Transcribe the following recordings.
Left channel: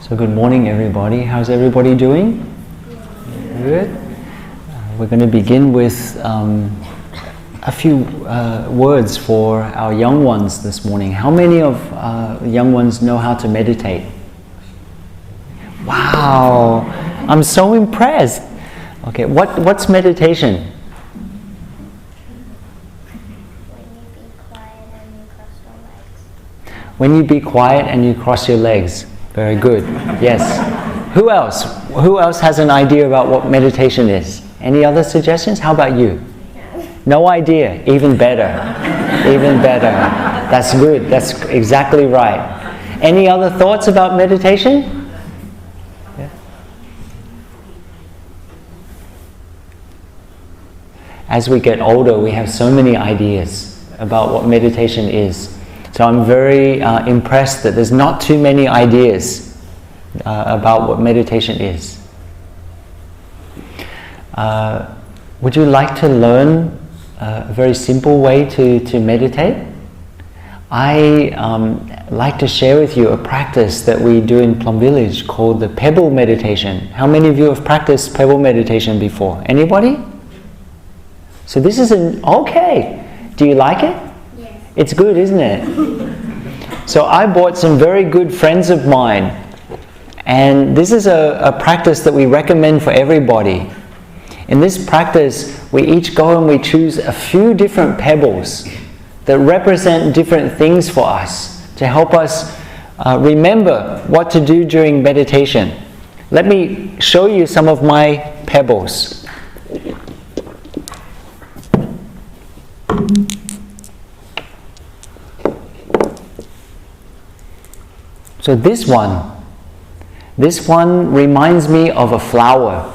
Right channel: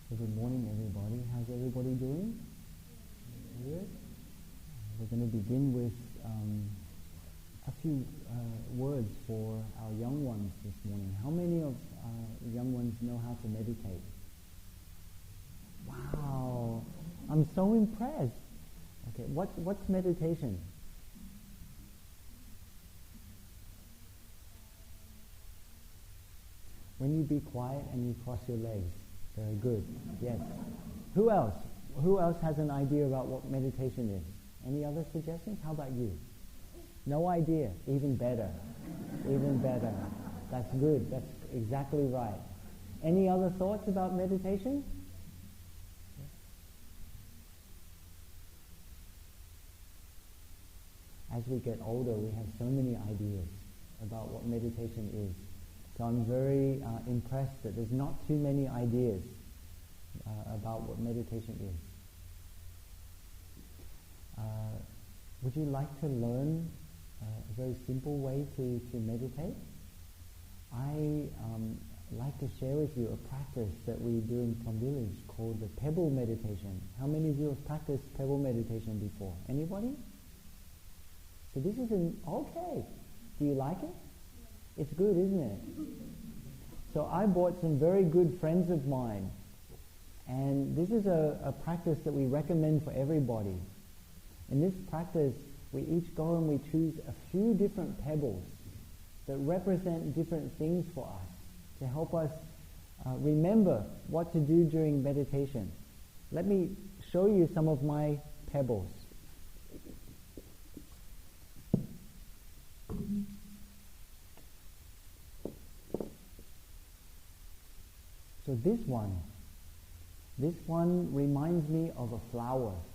So good morning everybody. How's everybody doing? Good. We're going to begin with a few words for our young ones this morning. How many of young ones know how to meditate? Wow, I'm so impressed. Okay, what's meditation? When you be quiet and you cross your legs. Very good. Yes. Who else? Who else has an idea about what meditation is? Any other suggestions? How about you? No idea. Even better. Even better. That's good. That's exactly right. Any other thoughts about meditation? Yeah. As we get older, we have so many ideas about what meditation is. So I'm very impressed that there's not too many ideas about what meditation is. Would you like to learn a very simple way to meditate? I like to share with you a practice that we do in Plum Village called the Pebble meditation. How many of you have practiced Pebble meditation before? Anybody? So this is okay. Do you like it? It's good, isn't it? So I brought some very good friends of mine, and this is a practice that we recommend for everybody. In this practice, we each go and we choose a few different pebbles that represent different things for us to help us remember what to do during meditation. Let me show you some of my pebbles. So this one reminds me of a flower,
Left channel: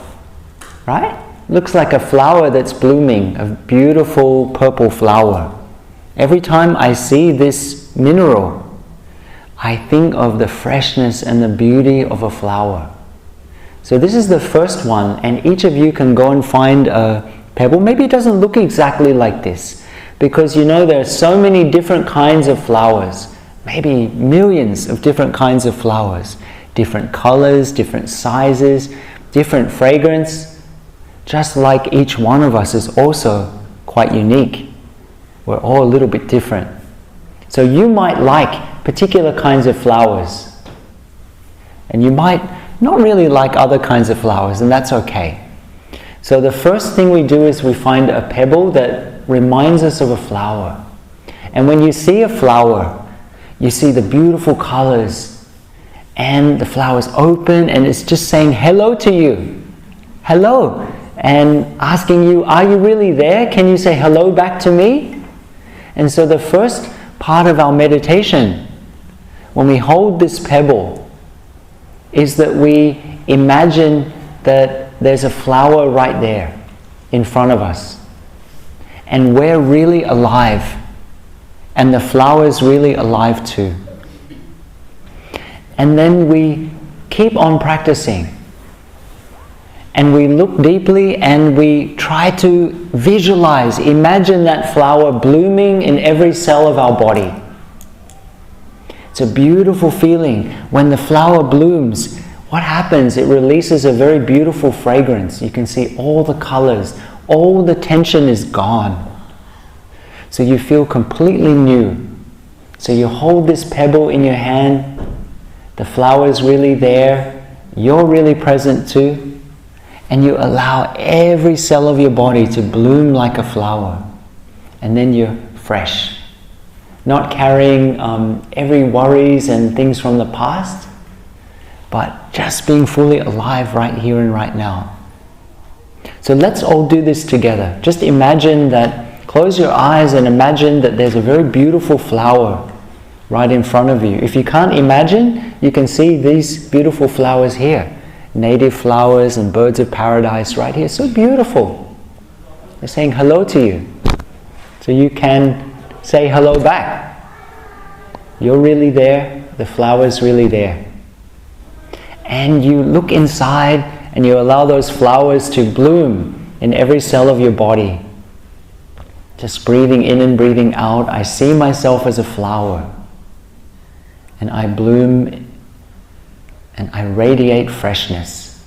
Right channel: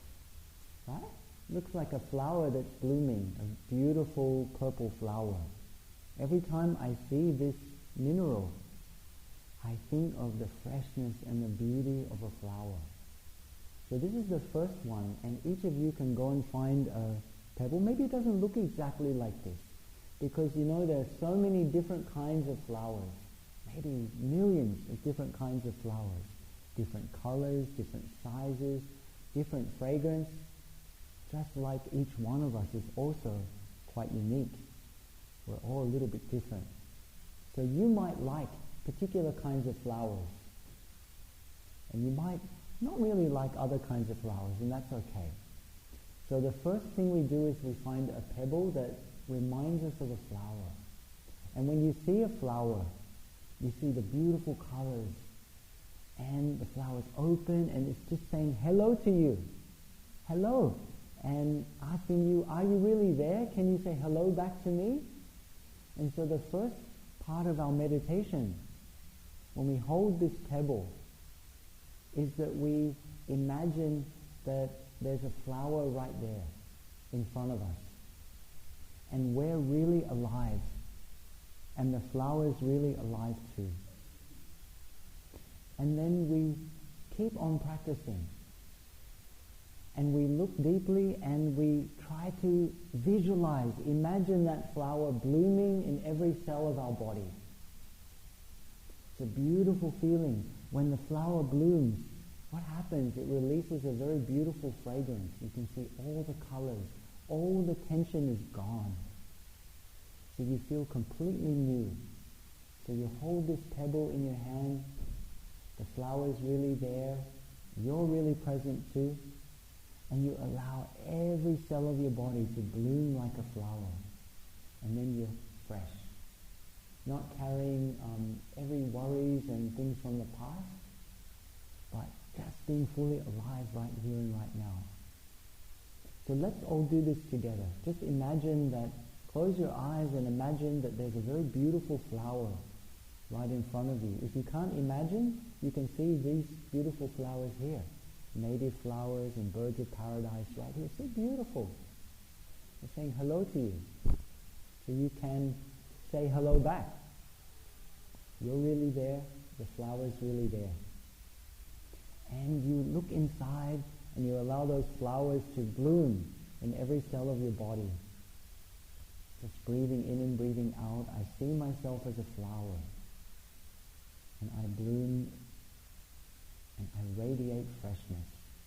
right? Looks like a flower that's blooming, a beautiful purple flower. Every time I see this mineral, I think of the freshness and the beauty of a flower. So this is the first one, and each of you can go and find a pebble. Maybe it doesn't look exactly like this, because you know there are so many different kinds of flowers. Maybe millions of different kinds of flowers, different colors, different sizes, different fragrance. Just like each one of us is also quite unique. We're all a little bit different. So you might like particular kinds of flowers, and you might not really like other kinds of flowers, and that's okay. So the first thing we do is we find a pebble that reminds us of a flower. And when you see a flower, you see the beautiful colors, and the flower's open, and it's just saying hello to you. Hello. And asking you, are you really there? Can you say hello back to me? And so the first part of our meditation, when we hold this pebble, is that we imagine that there's a flower right there in front of us. And we're really alive. And the flower is really alive too. And then we keep on practicing. And we look deeply and we try to visualize, imagine that flower blooming in every cell of our body. It's a beautiful feeling. When the flower blooms, what happens? It releases a very beautiful fragrance. You can see all the colors, all the tension is gone. So you feel completely new. So you hold this pebble in your hand, the flower is really there, you're really present too, and you allow every cell of your body to bloom like a flower. And then you're fresh. Not carrying every worries and things from the past, but just being fully alive right here and right now. So let's all do this together. Just imagine that. Close your eyes and imagine that there's a very beautiful flower right in front of you. If you can't imagine, you can see these beautiful flowers here. Native flowers and birds of paradise right here. So beautiful. They're saying hello to you. So you can say hello back. You're really there. The flower's really there. And you look inside and you allow those flowers to bloom in every cell of your body. Just breathing in and breathing out, I see myself as a flower. And I bloom and I radiate freshness.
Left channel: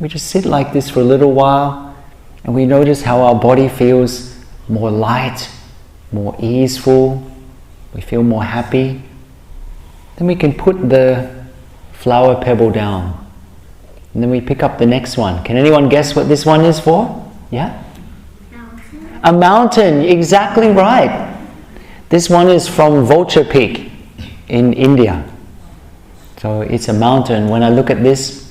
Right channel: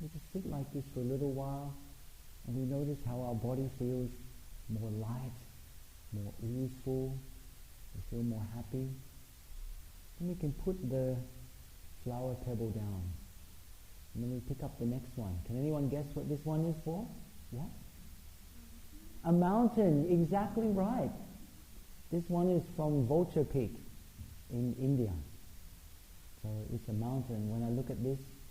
We just sit like this for a little while, and we notice how our body feels more light, more easeful. We feel more happy. Then we can put the flower pebble down. And then we pick up the next one. Can anyone guess what this one is for? Yeah? Mountain. A mountain, exactly right. This one is from Vulture Peak in India. So it's a mountain. When I look at this,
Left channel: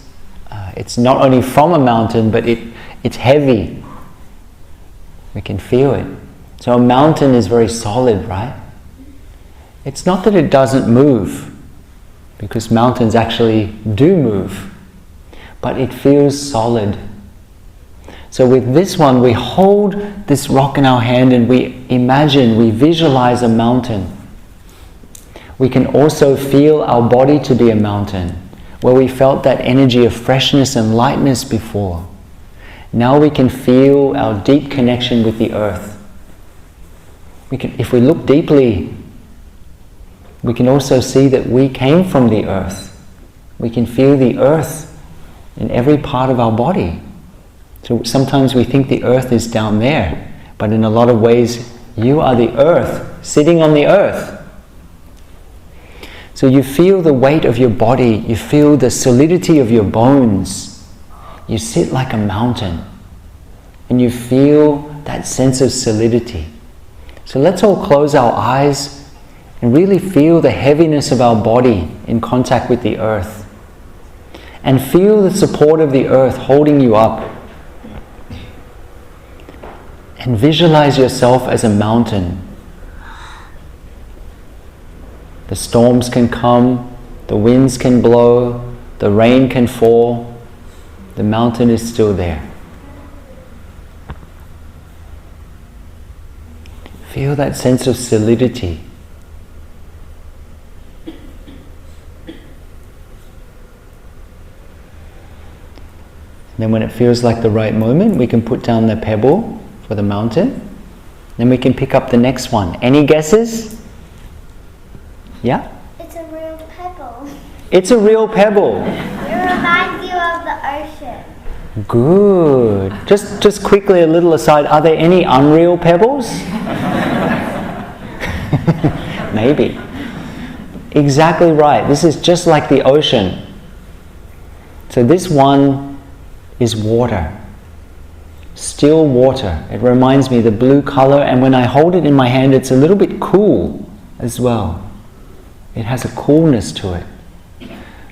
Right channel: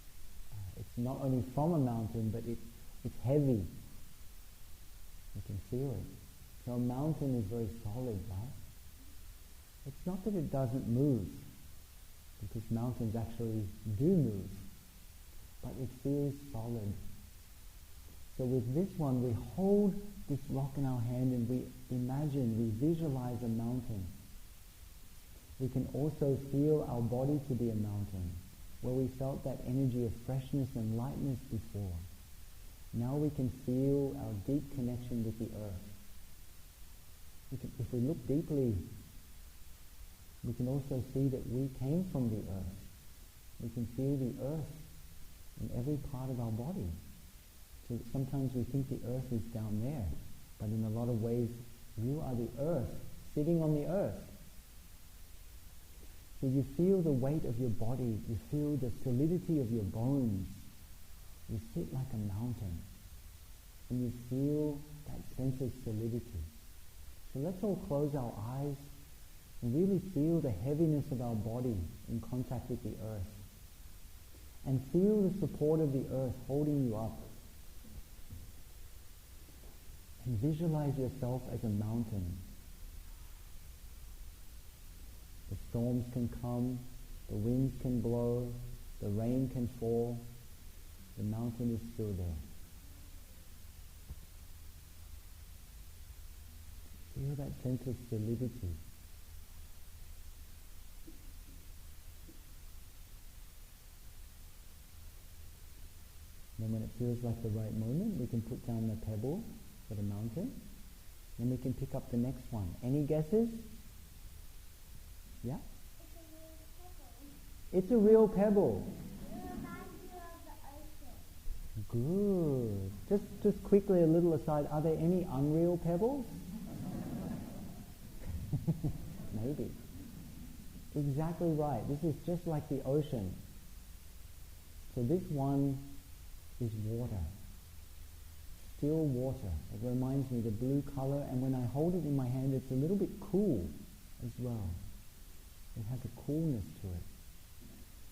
it's not only from a mountain, but it's heavy. We can feel it. So a mountain is very solid, right? It's not that it doesn't move, because mountains actually do move, but it feels solid. So with this one, we hold this rock in our hand and we imagine, we visualize a mountain. We can also feel our body to be a mountain, where we felt that energy of freshness and lightness before. Now we can feel our deep connection with the earth. If we look deeply, we can also see that we came from the earth. We can feel the earth in every part of our body. So sometimes we think the earth is down there, but in a lot of ways, you are the earth, sitting on the earth. So you feel the weight of your body, you feel the solidity of your bones. You sit like a mountain, and you feel that sense of solidity. So let's all close our eyes and really feel the heaviness of our body in contact with the earth. And feel the support of the earth holding you up. And visualize yourself as a mountain. The storms can come, the winds can blow, the rain can fall. The mountain is still there. Feel that sense of solidity. Then when it feels like the right moment, we can put down the pebble for the mountain. Then we can pick up the next one. Any guesses? Yeah? It's a real pebble. It's a real pebble. It reminds you of the ocean. Good. Just quickly a little aside, are there any unreal pebbles? Maybe. Exactly right. This is just like the ocean. So this one is water. Still water. It reminds me of the blue color, and when I hold it in my hand, it's a little bit cool as well. It has a coolness to it.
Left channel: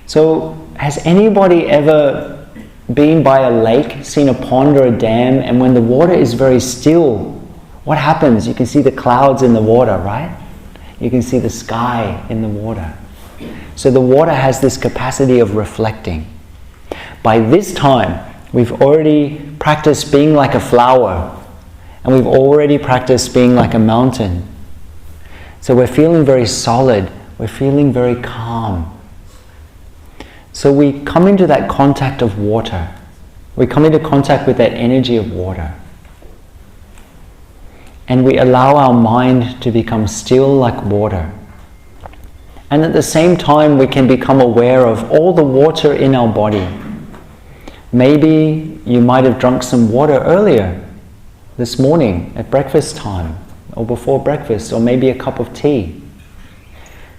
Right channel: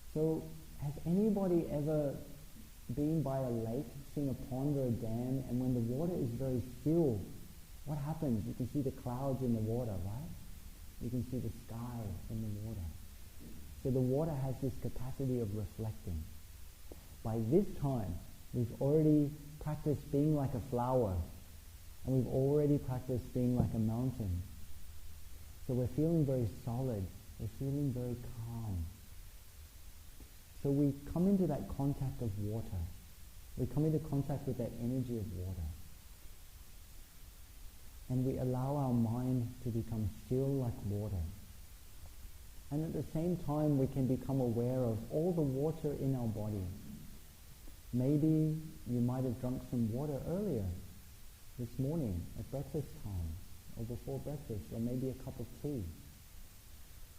So has anybody ever been by a lake, seen a pond or a dam, and when the water is very still, what happens? You can see the clouds in the water, right? You can see the sky in the water. So the water has this capacity of reflecting. By this time, we've already practiced being like a flower, and we've already practiced being like a mountain. So we're feeling very solid, we're feeling very calm. So we come into that contact of water. We come into contact with that energy of water. And we allow our mind to become still like water. And at the same time, we can become aware of all the water in our body. Maybe you might have drunk some water earlier this morning at breakfast time, or before breakfast, or maybe a cup of tea.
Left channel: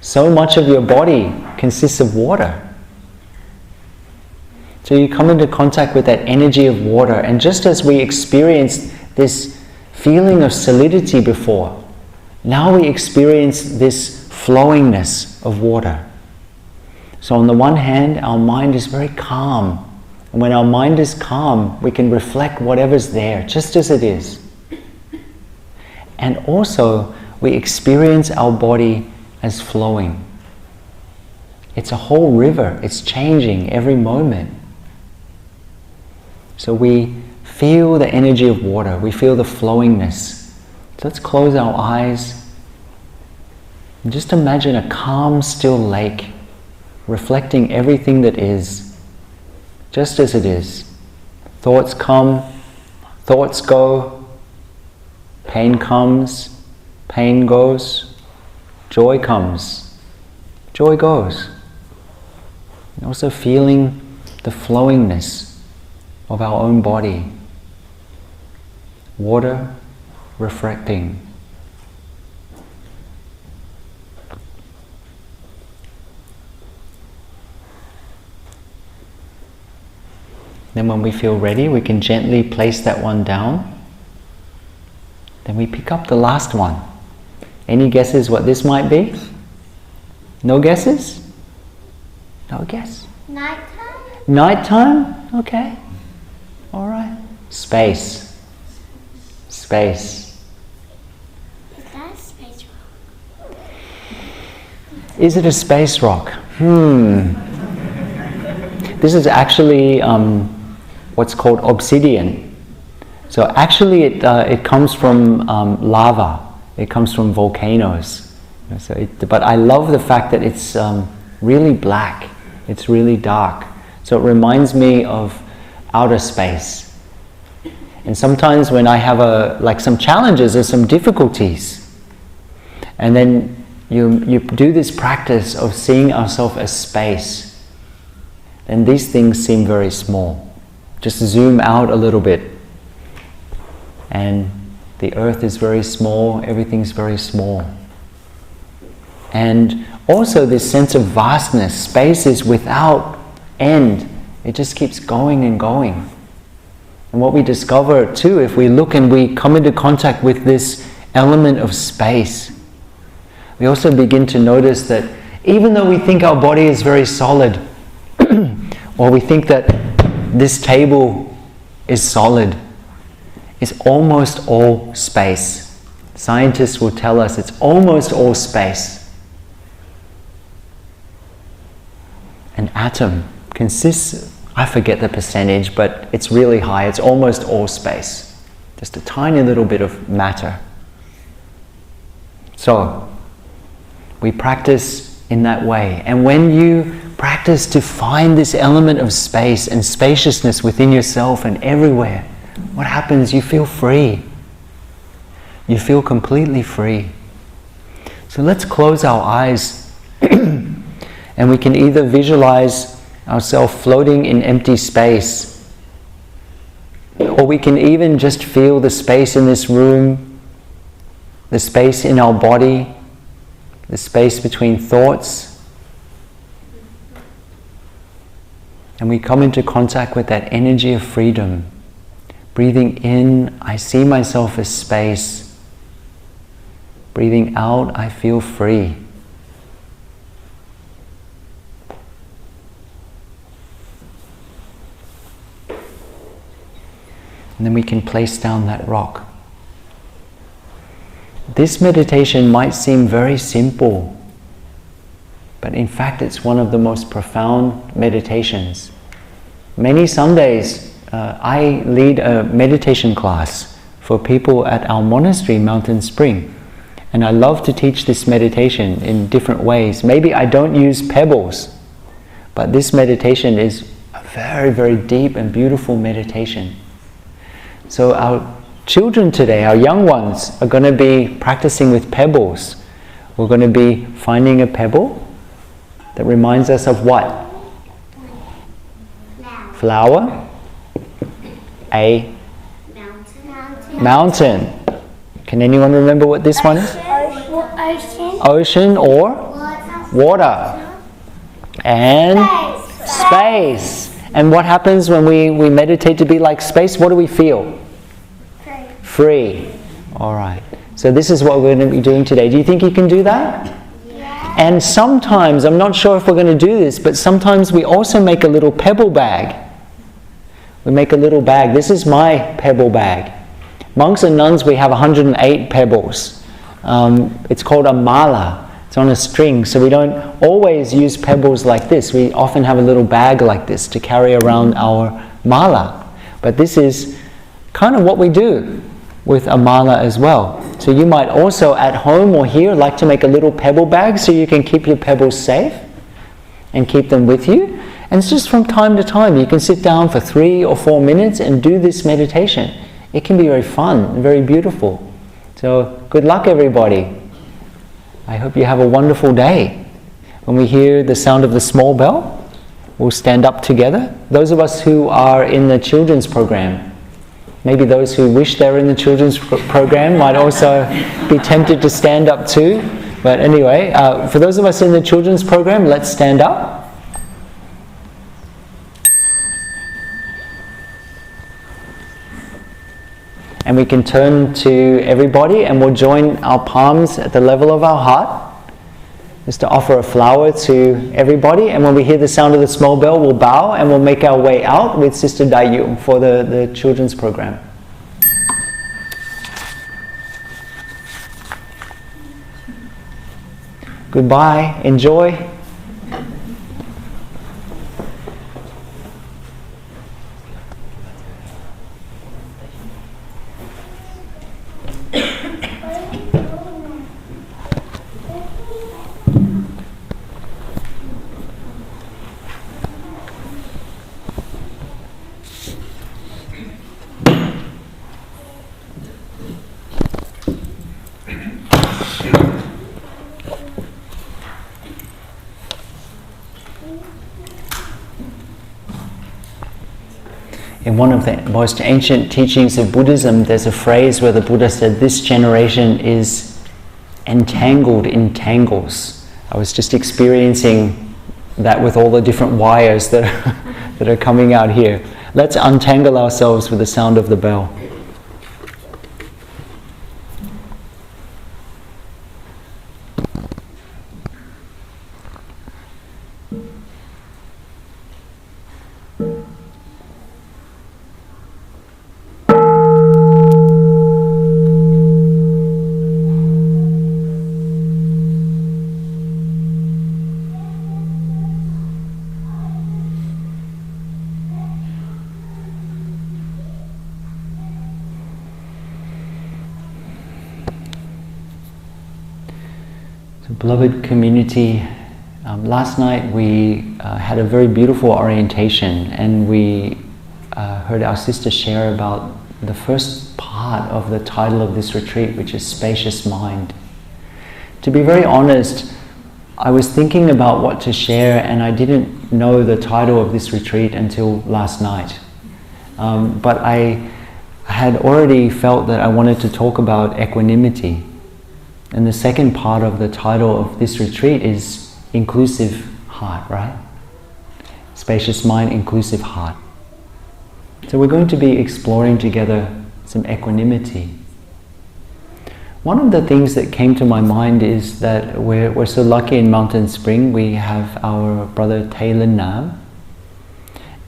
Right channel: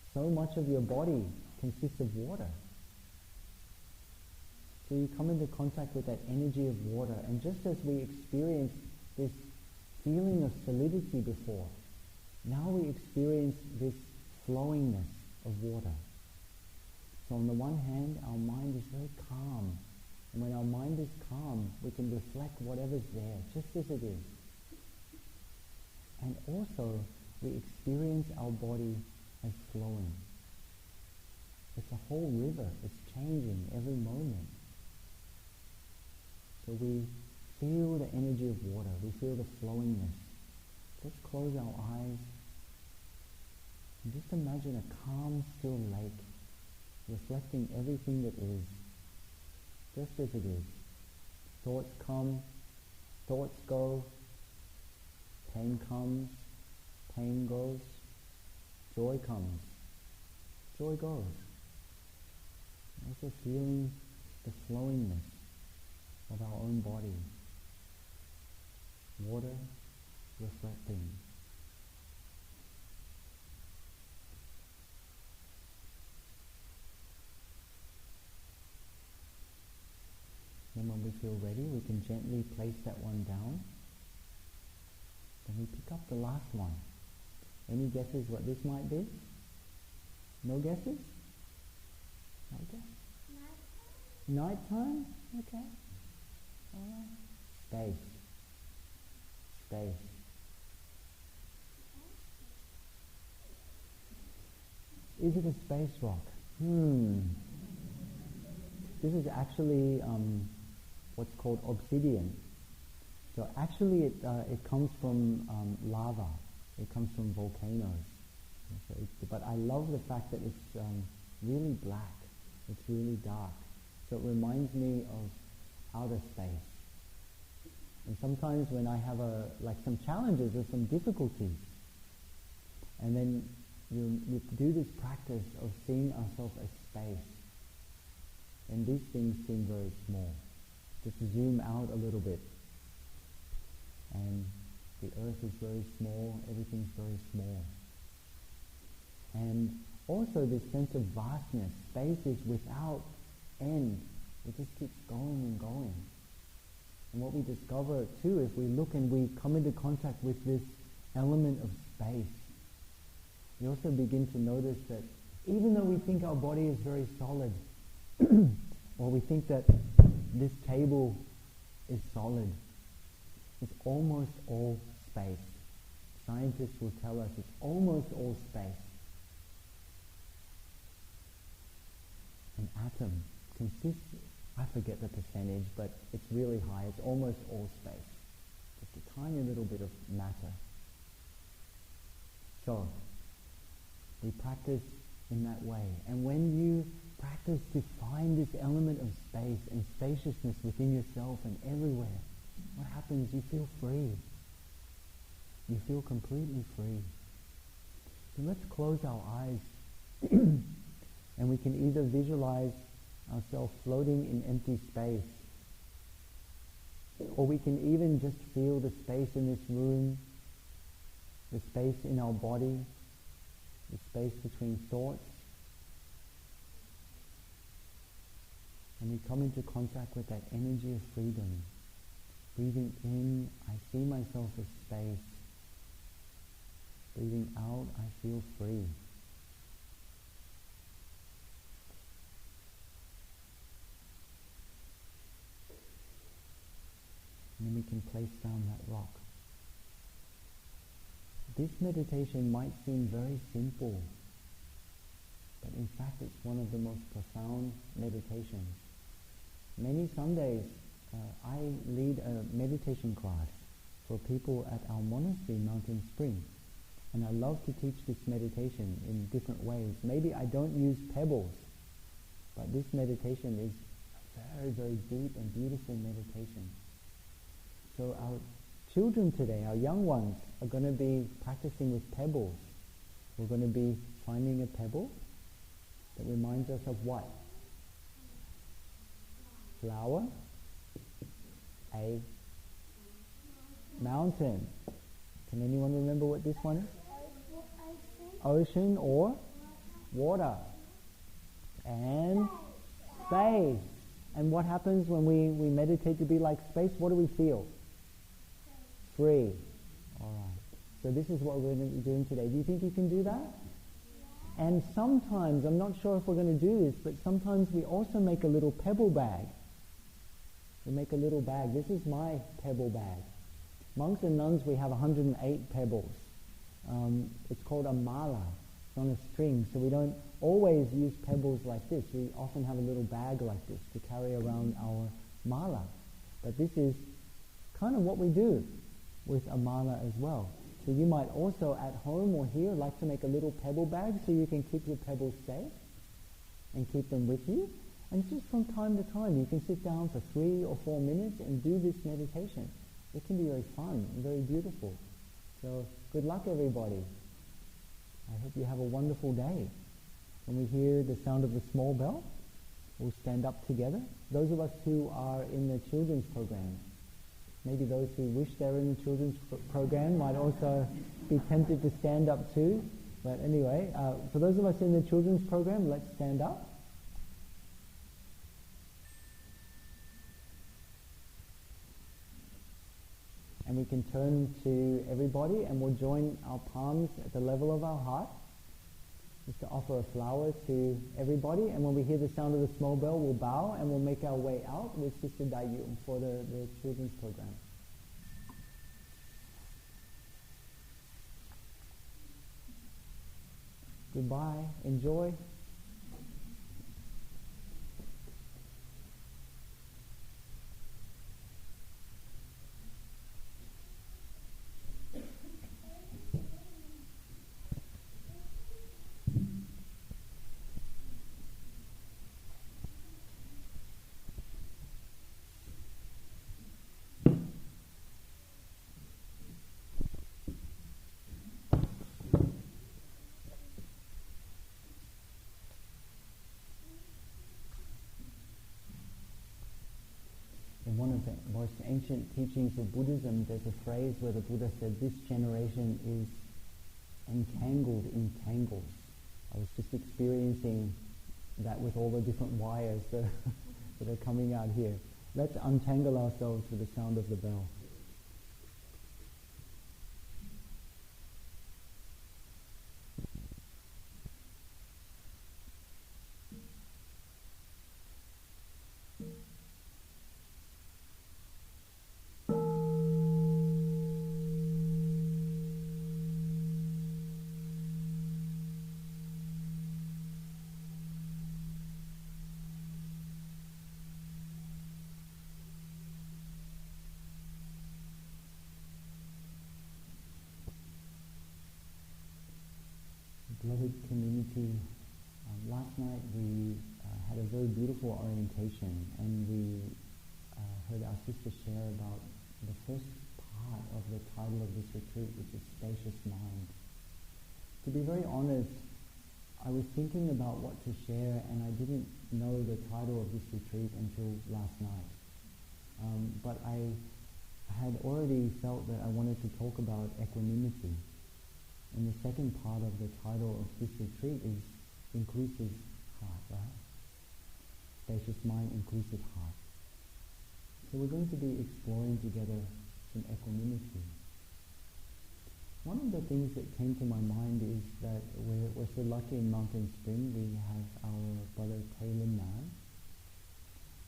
So much of your body consists of water. So you come into contact with that energy of water, and just as we experienced this feeling of solidity before, now we experience this flowingness of water. So on the one hand, our mind is very calm. And when our mind is calm, we can reflect whatever's there, just as it is. And also, we experience our body as flowing. It's a whole river. It's changing every moment. So we feel the energy of water. We feel the flowingness. So let's close our eyes and just imagine a calm, still lake reflecting everything that is, just as it is. Thoughts come, thoughts go, pain comes, pain goes, joy comes, joy goes. And also feeling the flowingness of our own body. Water refracting. Then when we feel ready, we can gently place that one down. Then we pick up the last one. Any guesses what this might be? No guesses? No guess? Nighttime? Nighttime? Okay. All right. Space. Space. Is that a space rock? Is it a space rock? This is actually what's called obsidian. So actually it comes from lava. It comes from volcanoes. But I love the fact that it's really black. It's really dark. So it reminds me of outer space. And sometimes when I have some challenges or some difficulties, and then you do this practice of seeing ourselves as space, then these things seem very small. Just zoom out a little bit. And the earth is very small, everything's very small. And also this sense of vastness, space is without end. It just keeps going and going. And what we discover too, if we look and we come into contact with this element of space, we also begin to notice that even though we think our body is very solid, or we think that this table is solid, it's almost all space. Scientists will tell us it's almost all space. An atom consists, I forget the percentage, but it's really high. It's almost all space. Just a tiny little bit of matter. So, we practice in that way. And when you practice to find this element of space and spaciousness within yourself and everywhere, what happens? You feel free. You feel completely free. So let's close our eyes and we can either visualize ourselves floating in empty space, or we can even just feel the space in this room, the space in our body, the space between thoughts. And we come into contact with that energy of freedom. Breathing in, I see myself as space. Breathing out, I feel free. And then we can place down that rock. This meditation might seem very simple, but in fact it's one of the most profound meditations. Many Sundays I lead a meditation class for people at our monastery, Mountain Spring. And I love to teach this meditation in different ways. Maybe I don't use pebbles, but this meditation is a very, very deep and beautiful meditation. So our children today, our young ones, are going to be practicing with pebbles. We're going to be finding a pebble that reminds us of what? Flower. A mountain. Can anyone remember what this one is? Ocean or water. And space. And what happens when we meditate to be like space? What do we feel? Free. All right. So this is what we're going to be doing today. Do you think you can do that? Yeah. And sometimes, I'm not sure if we're going to do this, but sometimes we also make a little pebble bag. We make a little bag. This is my pebble bag. Monks and nuns, we have 108 pebbles. It's called a mala. It's on a string, so we don't always use pebbles like this. We often have a little bag like this to carry around our mala. But this is kind of what we do with a mala as well. So you might also at home or here like to make a little pebble bag so you can keep your pebbles safe and keep them with you. And it's just from time to time you can sit down for 3 or 4 minutes and do this meditation. It can be very fun and very beautiful. So good luck, everybody. I hope you have a wonderful day. When we hear the sound of the small bell, we'll stand up together. Those of us who are in the children's program, maybe those who wish they were in the children's program might also be tempted to stand up too. But anyway, for those of us in the children's program, let's stand up. And we can turn to everybody and we'll join our palms at the level of our heart, just to offer a flower to everybody. And when we hear the sound of the small bell, we'll bow and we'll make our way out with Sister Dayu for the children's program. Goodbye, enjoy. In one of the most ancient teachings of Buddhism, there's a phrase where the Buddha said, this generation is entangled in tangles. I was just experiencing that with all the different wires that are coming out here. Let's untangle ourselves with the sound of the bell. Beloved community, last night we had a very beautiful orientation, and we heard our sister share about the first part of the title of this retreat, which is Spacious Mind. To be very honest, I was thinking about what to share and I didn't know the title of this retreat until last night. But I had already felt that I wanted to talk about equanimity. And the second part of the title of this retreat is Inclusive Heart, right? Spacious Mind, Inclusive Heart. So we're going to be exploring together some equanimity. One of the things that came to my mind is that we're so lucky in Mountain Spring. We have our brother Taylor Nam.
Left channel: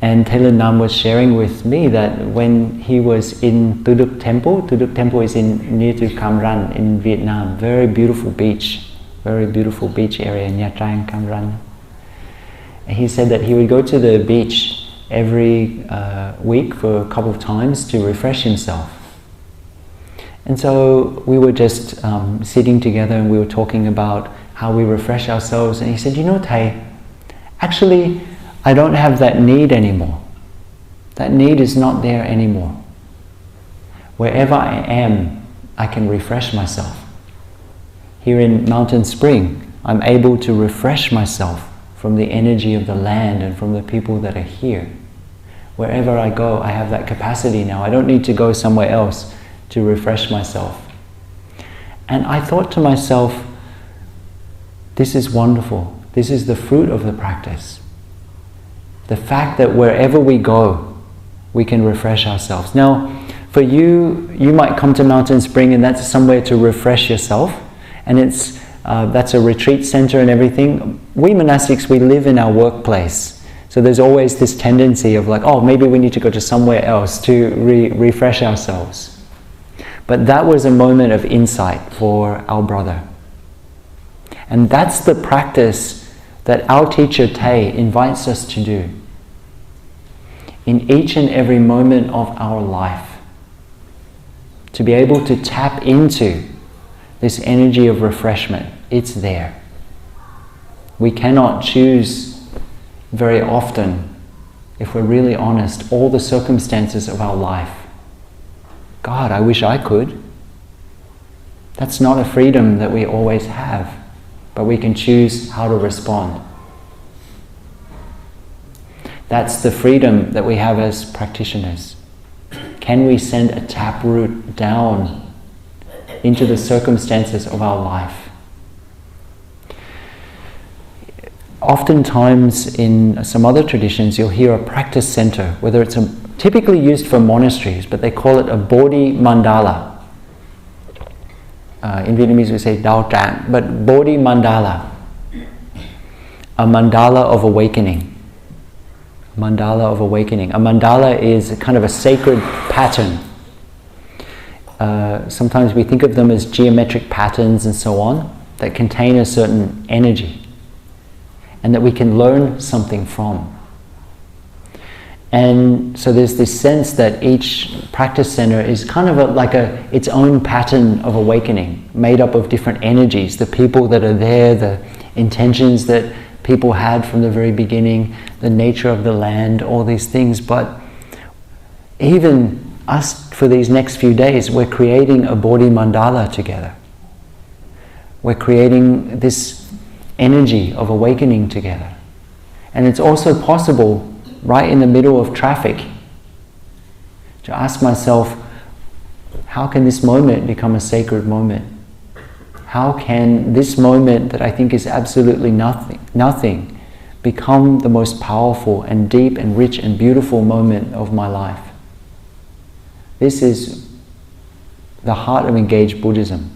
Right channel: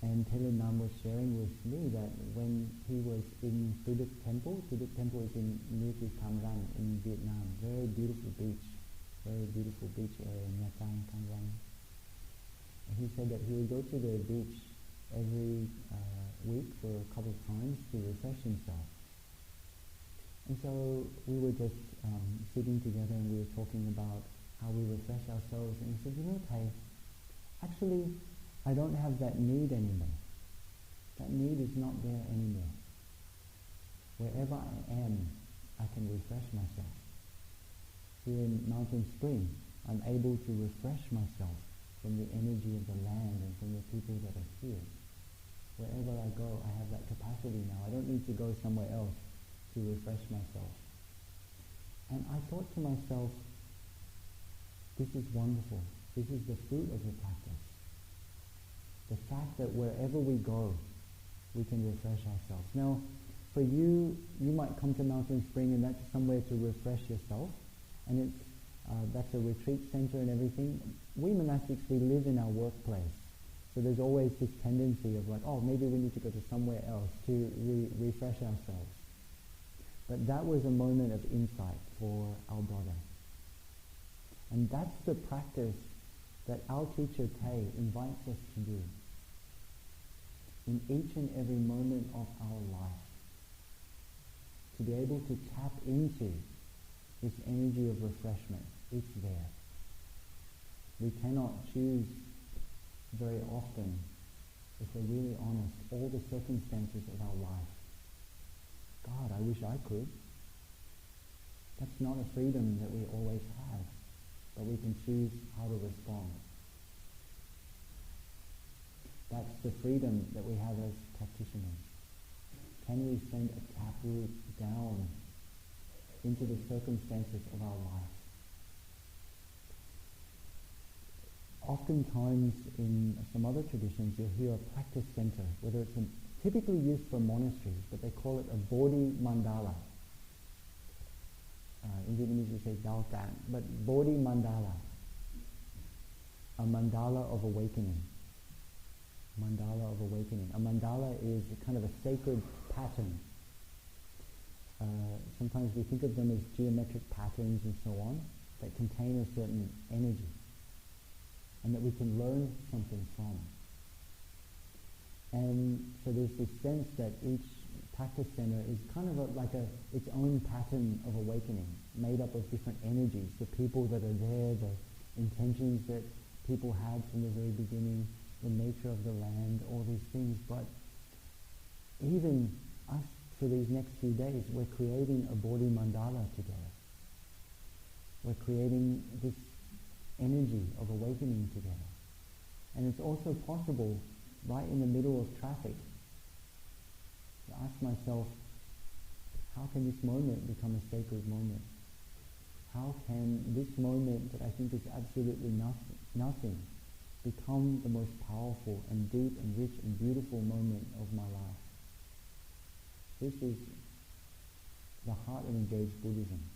And Taylor Nam was sharing with me that when he was in Tuduk Temple is near to Cam Ranh in Vietnam, very beautiful beach area in Nha Trang, Cam Ranh. And he said that he would go to the beach every week for a couple of times to refresh himself. And so we were just sitting together and we were talking about how we refresh ourselves. And he said, you know, Tay, actually, I don't have that need anymore. That need is not there anymore. Wherever I am, I can refresh myself. Here in Mountain Spring, I'm able to refresh myself from the energy of the land and from the people that are here. Wherever I go, I have that capacity now. I don't need to go somewhere else to refresh myself. And I thought to myself, this is wonderful. This is the fruit of the practice. The fact that wherever we go, we can refresh ourselves. Now, for you, you might come to Mountain Spring and that's somewhere to refresh yourself. And that's a retreat center and everything. We monastics, we live in our workplace. So there's always this tendency of like, oh, maybe we need to go to somewhere else to refresh ourselves. But that was a moment of insight for our brother. And that's the practice that our teacher Tay invites us to do. In each and every moment of our life, to be able to tap into this energy of refreshment. It's there. We cannot choose very often, if we're really honest, all the circumstances of our life. God, I wish I could. That's not a freedom that we always have, but we can choose how to respond. That's the freedom that we have as practitioners. Can we send a taproot down into the circumstances of our life? Oftentimes in some other traditions you'll hear a practice center, whether it's typically used for monasteries, but they call it a Bodhi mandala. In Vietnamese we say Dao Trang, but Bodhi mandala, a mandala of awakening. Mandala of awakening. A mandala is a kind of a sacred pattern. Sometimes we think of them as geometric patterns and so on that contain a certain energy and that we can learn something from. And so there's this sense that each practice center is kind of like its own pattern of awakening, made up of different energies, the people that are there, the intentions that people had from the very beginning, the nature of the land, all these things. But even us, for these next few days, we're creating a Bodhi mandala together. We're creating this energy of awakening together. And it's also possible, right in the middle of traffic, to ask myself, how can this moment become a sacred moment? How can this moment that I think is absolutely nothing become the most powerful and deep and rich and beautiful moment of my life? This is the heart of engaged Buddhism.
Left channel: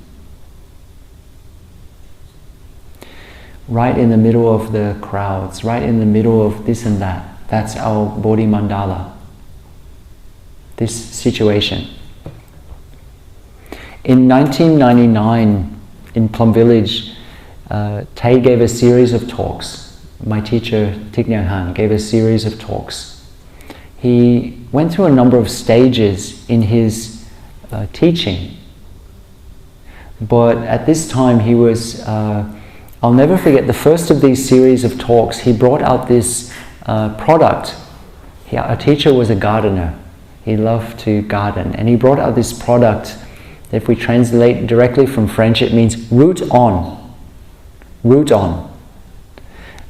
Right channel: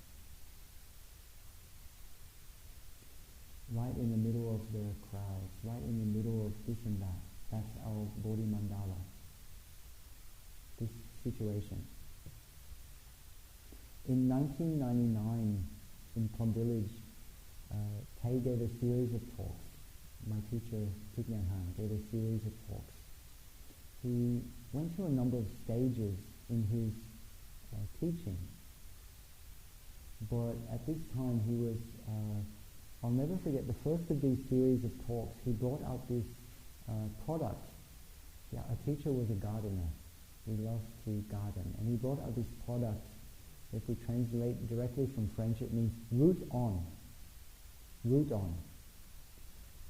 Right in the middle of the crowds, right in the middle of this and that. That's our Bodhi mandala. This situation. In 1999, in Plum Village, Tay gave a series of talks. My teacher, Thich Nhat Hanh, gave a series of talks. He went through a number of stages in his teaching. But at this time he was, I'll never forget, the first of these series of talks, he brought out this product. Our teacher was a gardener. He loved to garden. And he brought out this product. If we translate directly from French, it means root on. Root on.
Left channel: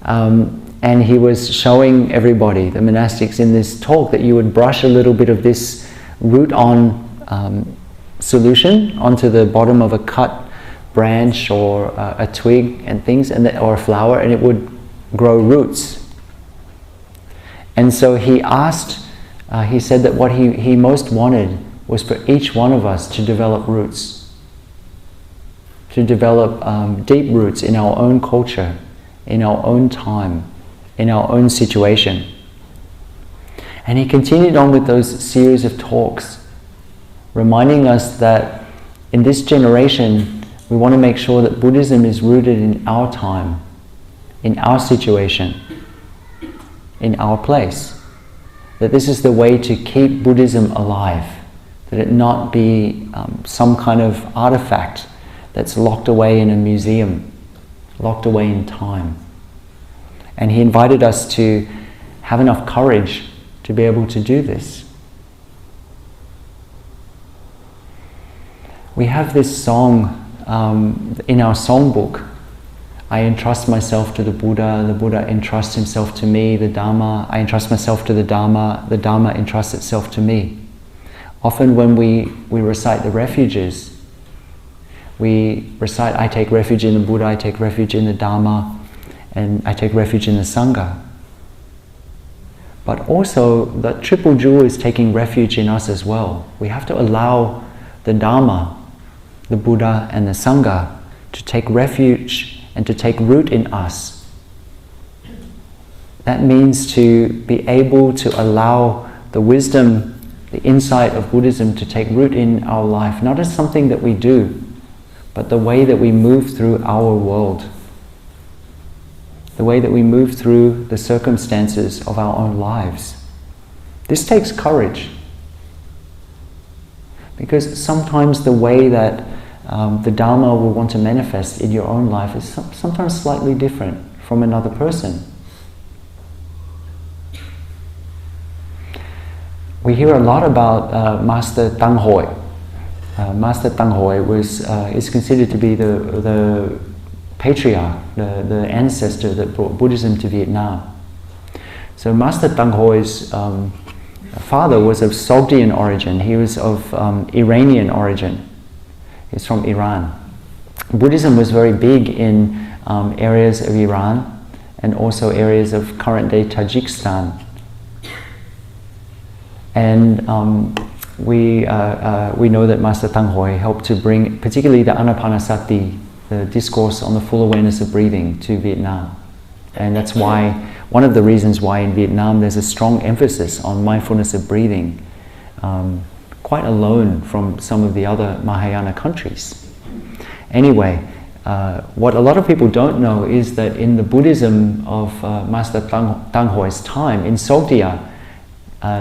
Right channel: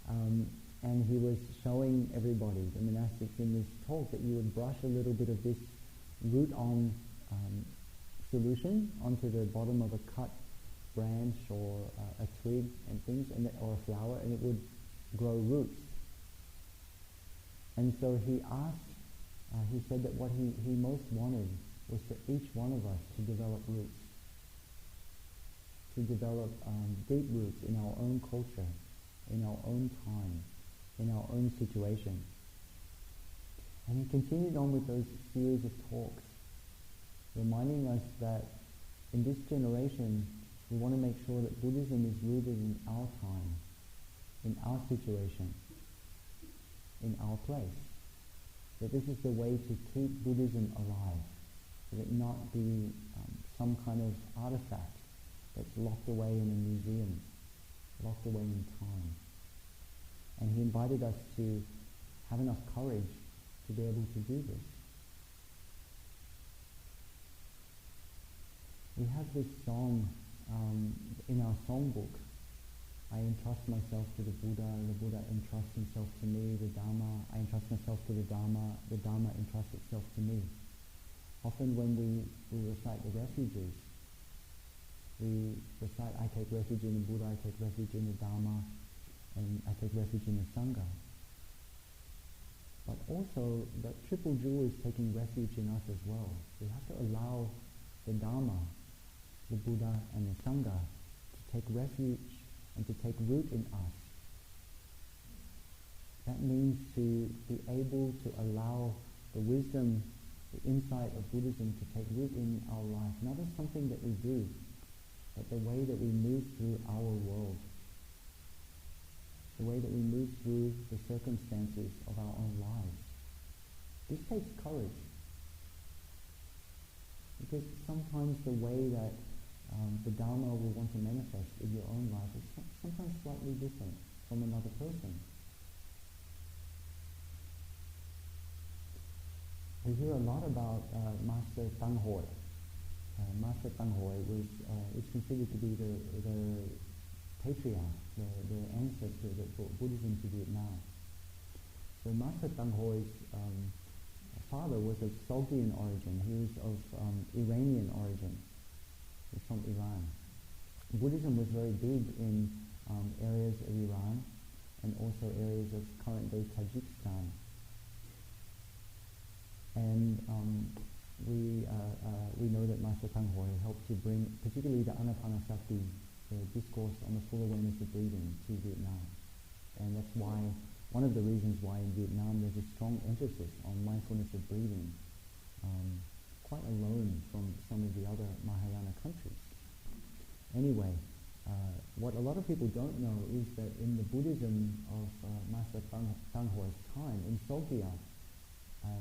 And he was showing everybody, the monastics, in this talk that you would brush a little bit of this root on solution onto the bottom of a cut branch or a twig and things, or a flower, and it would grow roots. And so he asked, he said that what he most wanted was for each one of us to develop roots, to develop deep roots in our own culture, in our own time, in our own situation. And he continued on with those series of talks, reminding us that in this generation, we want to make sure that Buddhism is rooted in our time, in our situation, in our place. That this is the way to keep Buddhism alive, that it not be some kind of artifact that's locked away in a museum, locked away in time. And he invited us to have enough courage to be able to do this. We have this song in our songbook. I entrust myself to the Buddha entrusts himself to me, the Dharma, I entrust myself to the Dharma entrusts itself to me. Often when we recite the refuges, we recite, I take refuge in the Buddha, I take refuge in the Dharma, and I take refuge in the Sangha. But also, the triple jewel is taking refuge in us as well. We have to allow the Dharma, the Buddha, and the Sangha to take refuge and to take root in us. That means to be able to allow the wisdom, the insight of Buddhism to take root in our life, not as something that we do, but the way that we move through our world, the way that we move through the circumstances of our own lives. This takes courage, because sometimes the way that the Dharma will want to manifest in your own life is sometimes slightly different from another person. We hear a lot about Master Tang Hoi. Master Tang Hoi is considered to be the patriarch, the ancestor that brought Buddhism to Vietnam. So Master Tang Hoi's father was of Sogdian origin. He was of Iranian origin. He's from Iran. Buddhism was very big in areas of Iran and also areas of current-day Tajikistan. And we know that Master Tang Hoi helped to bring particularly the Anapanasati, the discourse on the full awareness of breathing, to Vietnam. And that's why, one of the reasons why in Vietnam there's a strong emphasis on mindfulness of breathing, quite alone from some of the other Mahayana countries. Anyway, what a lot of people don't know is that in the Buddhism of Master Tang Hoi's time, in Sogdia,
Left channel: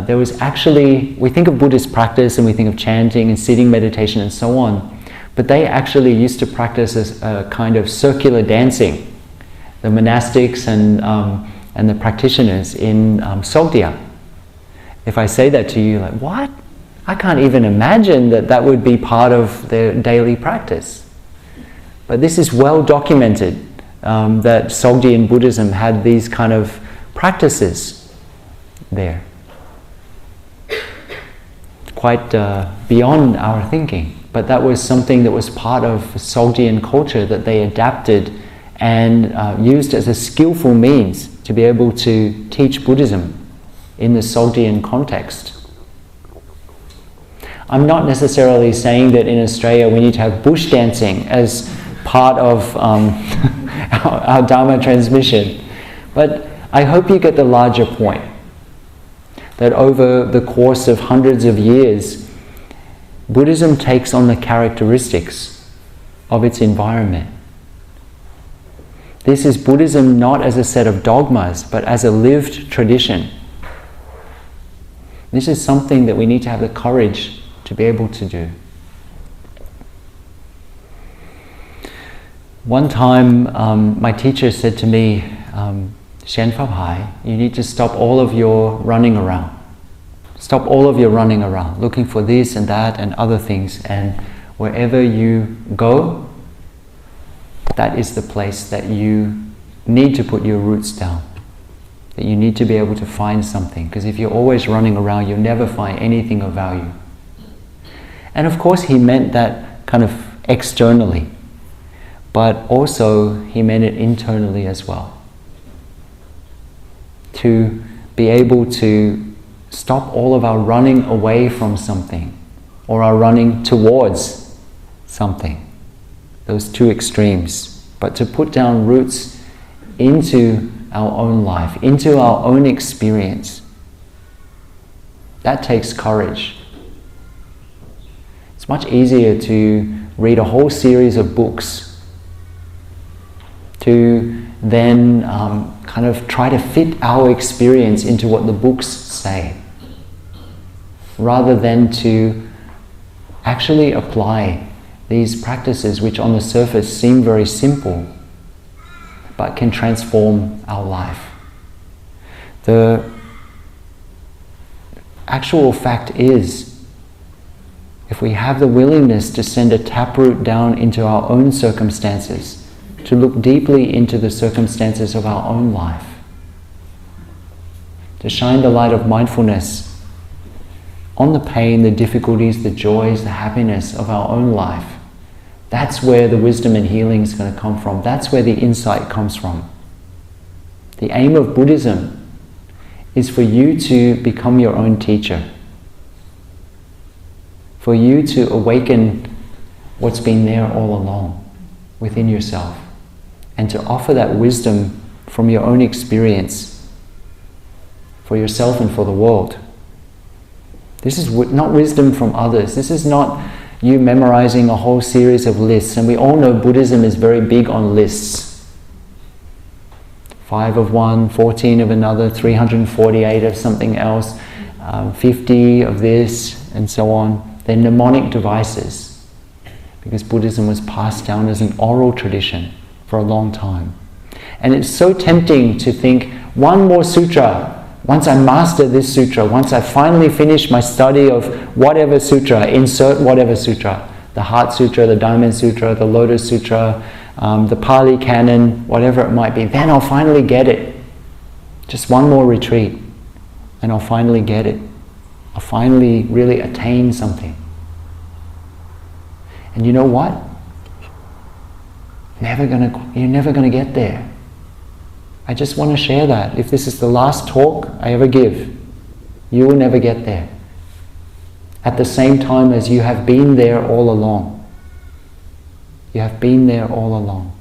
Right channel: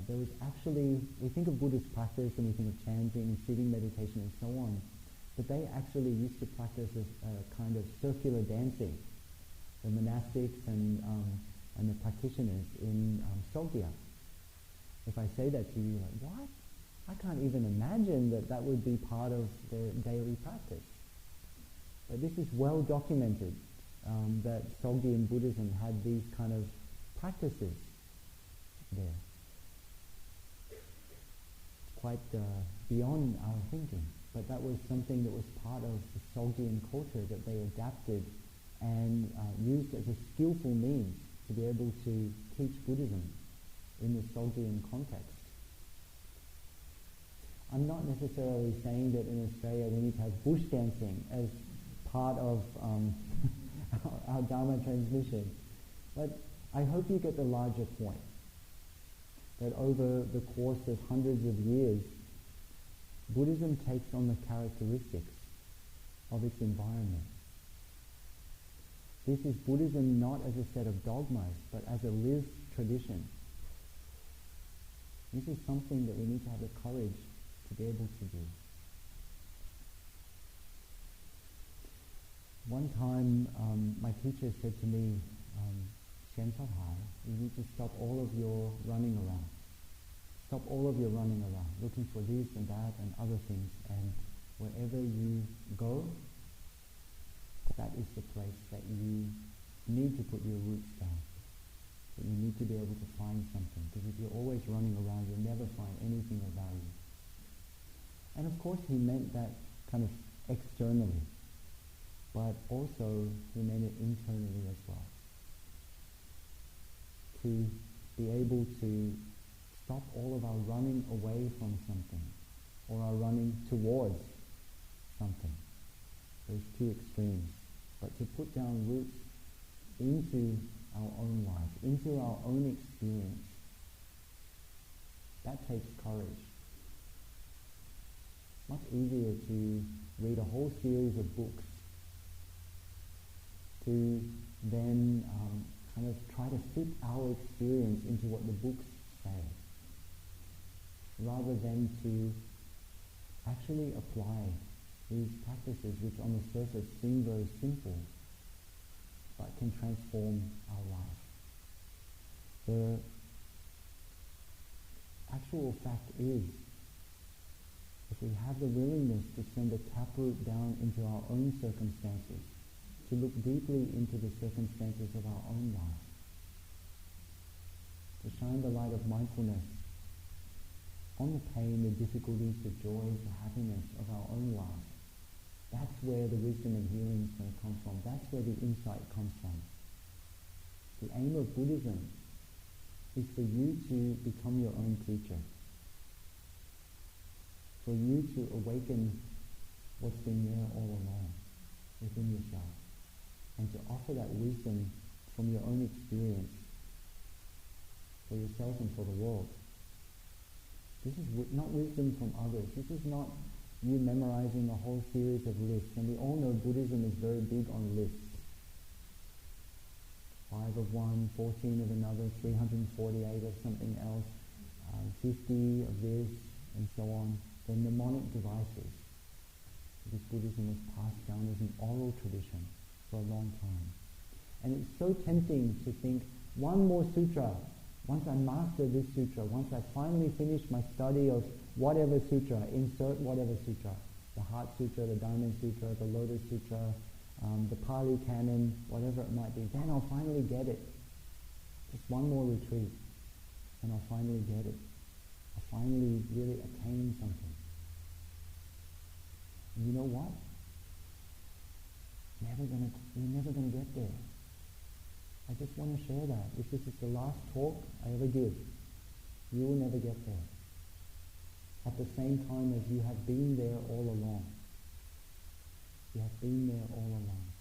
there was actually, we think of Buddhist practice and we think of chanting and sitting meditation and so on, but they actually used to practice a kind of circular dancing, the monastics and the practitioners in Sogdia. If I say that to you, like, what? I can't even imagine that that would be part of their daily practice. But this is well documented, that Sogdian Buddhism had these kind of practices there. Quite beyond our thinking. But that was something that was part of Sogdian culture that they adapted and used as a skillful means to be able to teach Buddhism in the Sogdian context. I'm not necessarily saying that in Australia we need to have bush dancing as part of our Dharma transmission, but I hope you get the larger point, that over the course of hundreds of years, Buddhism takes on the characteristics of its environment. This is Buddhism not as a set of dogmas, but as a lived tradition. This is something that we need to have the courage to be able to do. One time, my teacher said to me, Shen Phap Hai, you need to stop all of your running around. Stop all of your running around, looking for this and that and other things, and wherever you go, that is the place that you need to put your roots down. That you need to be able to find something, because if you're always running around, you'll never find anything of value. And of course he meant that kind of externally, but also he meant it internally as well. To be able to stop all of our running away from something or our running towards something, those two extremes, but to put down roots into our own life, into our own experience. That takes courage. It's much easier to read a whole series of books, to then kind of try to fit our experience into what the books say, rather than to actually apply these practices which on the surface seem very simple, but can transform our life. The actual fact is, if we have the willingness to send a taproot down into our own circumstances, to look deeply into the circumstances of our own life, to shine the light of mindfulness on the pain, the difficulties, the joys, the happiness of our own life, that's where the wisdom and healing is going to come from. That's where the insight comes from. The aim of Buddhism is for you to become your own teacher, for you to awaken what's been there all along within yourself, and to offer that wisdom from your own experience for yourself and for the world. This is not wisdom from others. This is not you memorizing a whole series of lists. And we all know Buddhism is very big on lists. 5 of one, 14 of another, 348 of something else, 50 of this, and so on. They're mnemonic devices, because Buddhism was passed down as an oral tradition for a long time. And it's so tempting to think, one more sutra, Once I master this sutra, once I finally finish my study of whatever sutra, insert whatever sutra, the Heart Sutra, the Diamond Sutra, the Lotus Sutra, the Pali Canon, whatever it might be, then I'll finally get it. Just one more retreat, and I'll finally get it. I'll finally really attain something. And you know what? You're never gonna get there. I just want to share that. If this is the last talk I ever give, you will never get there. At the same time as you have been there all along. You have been there all along.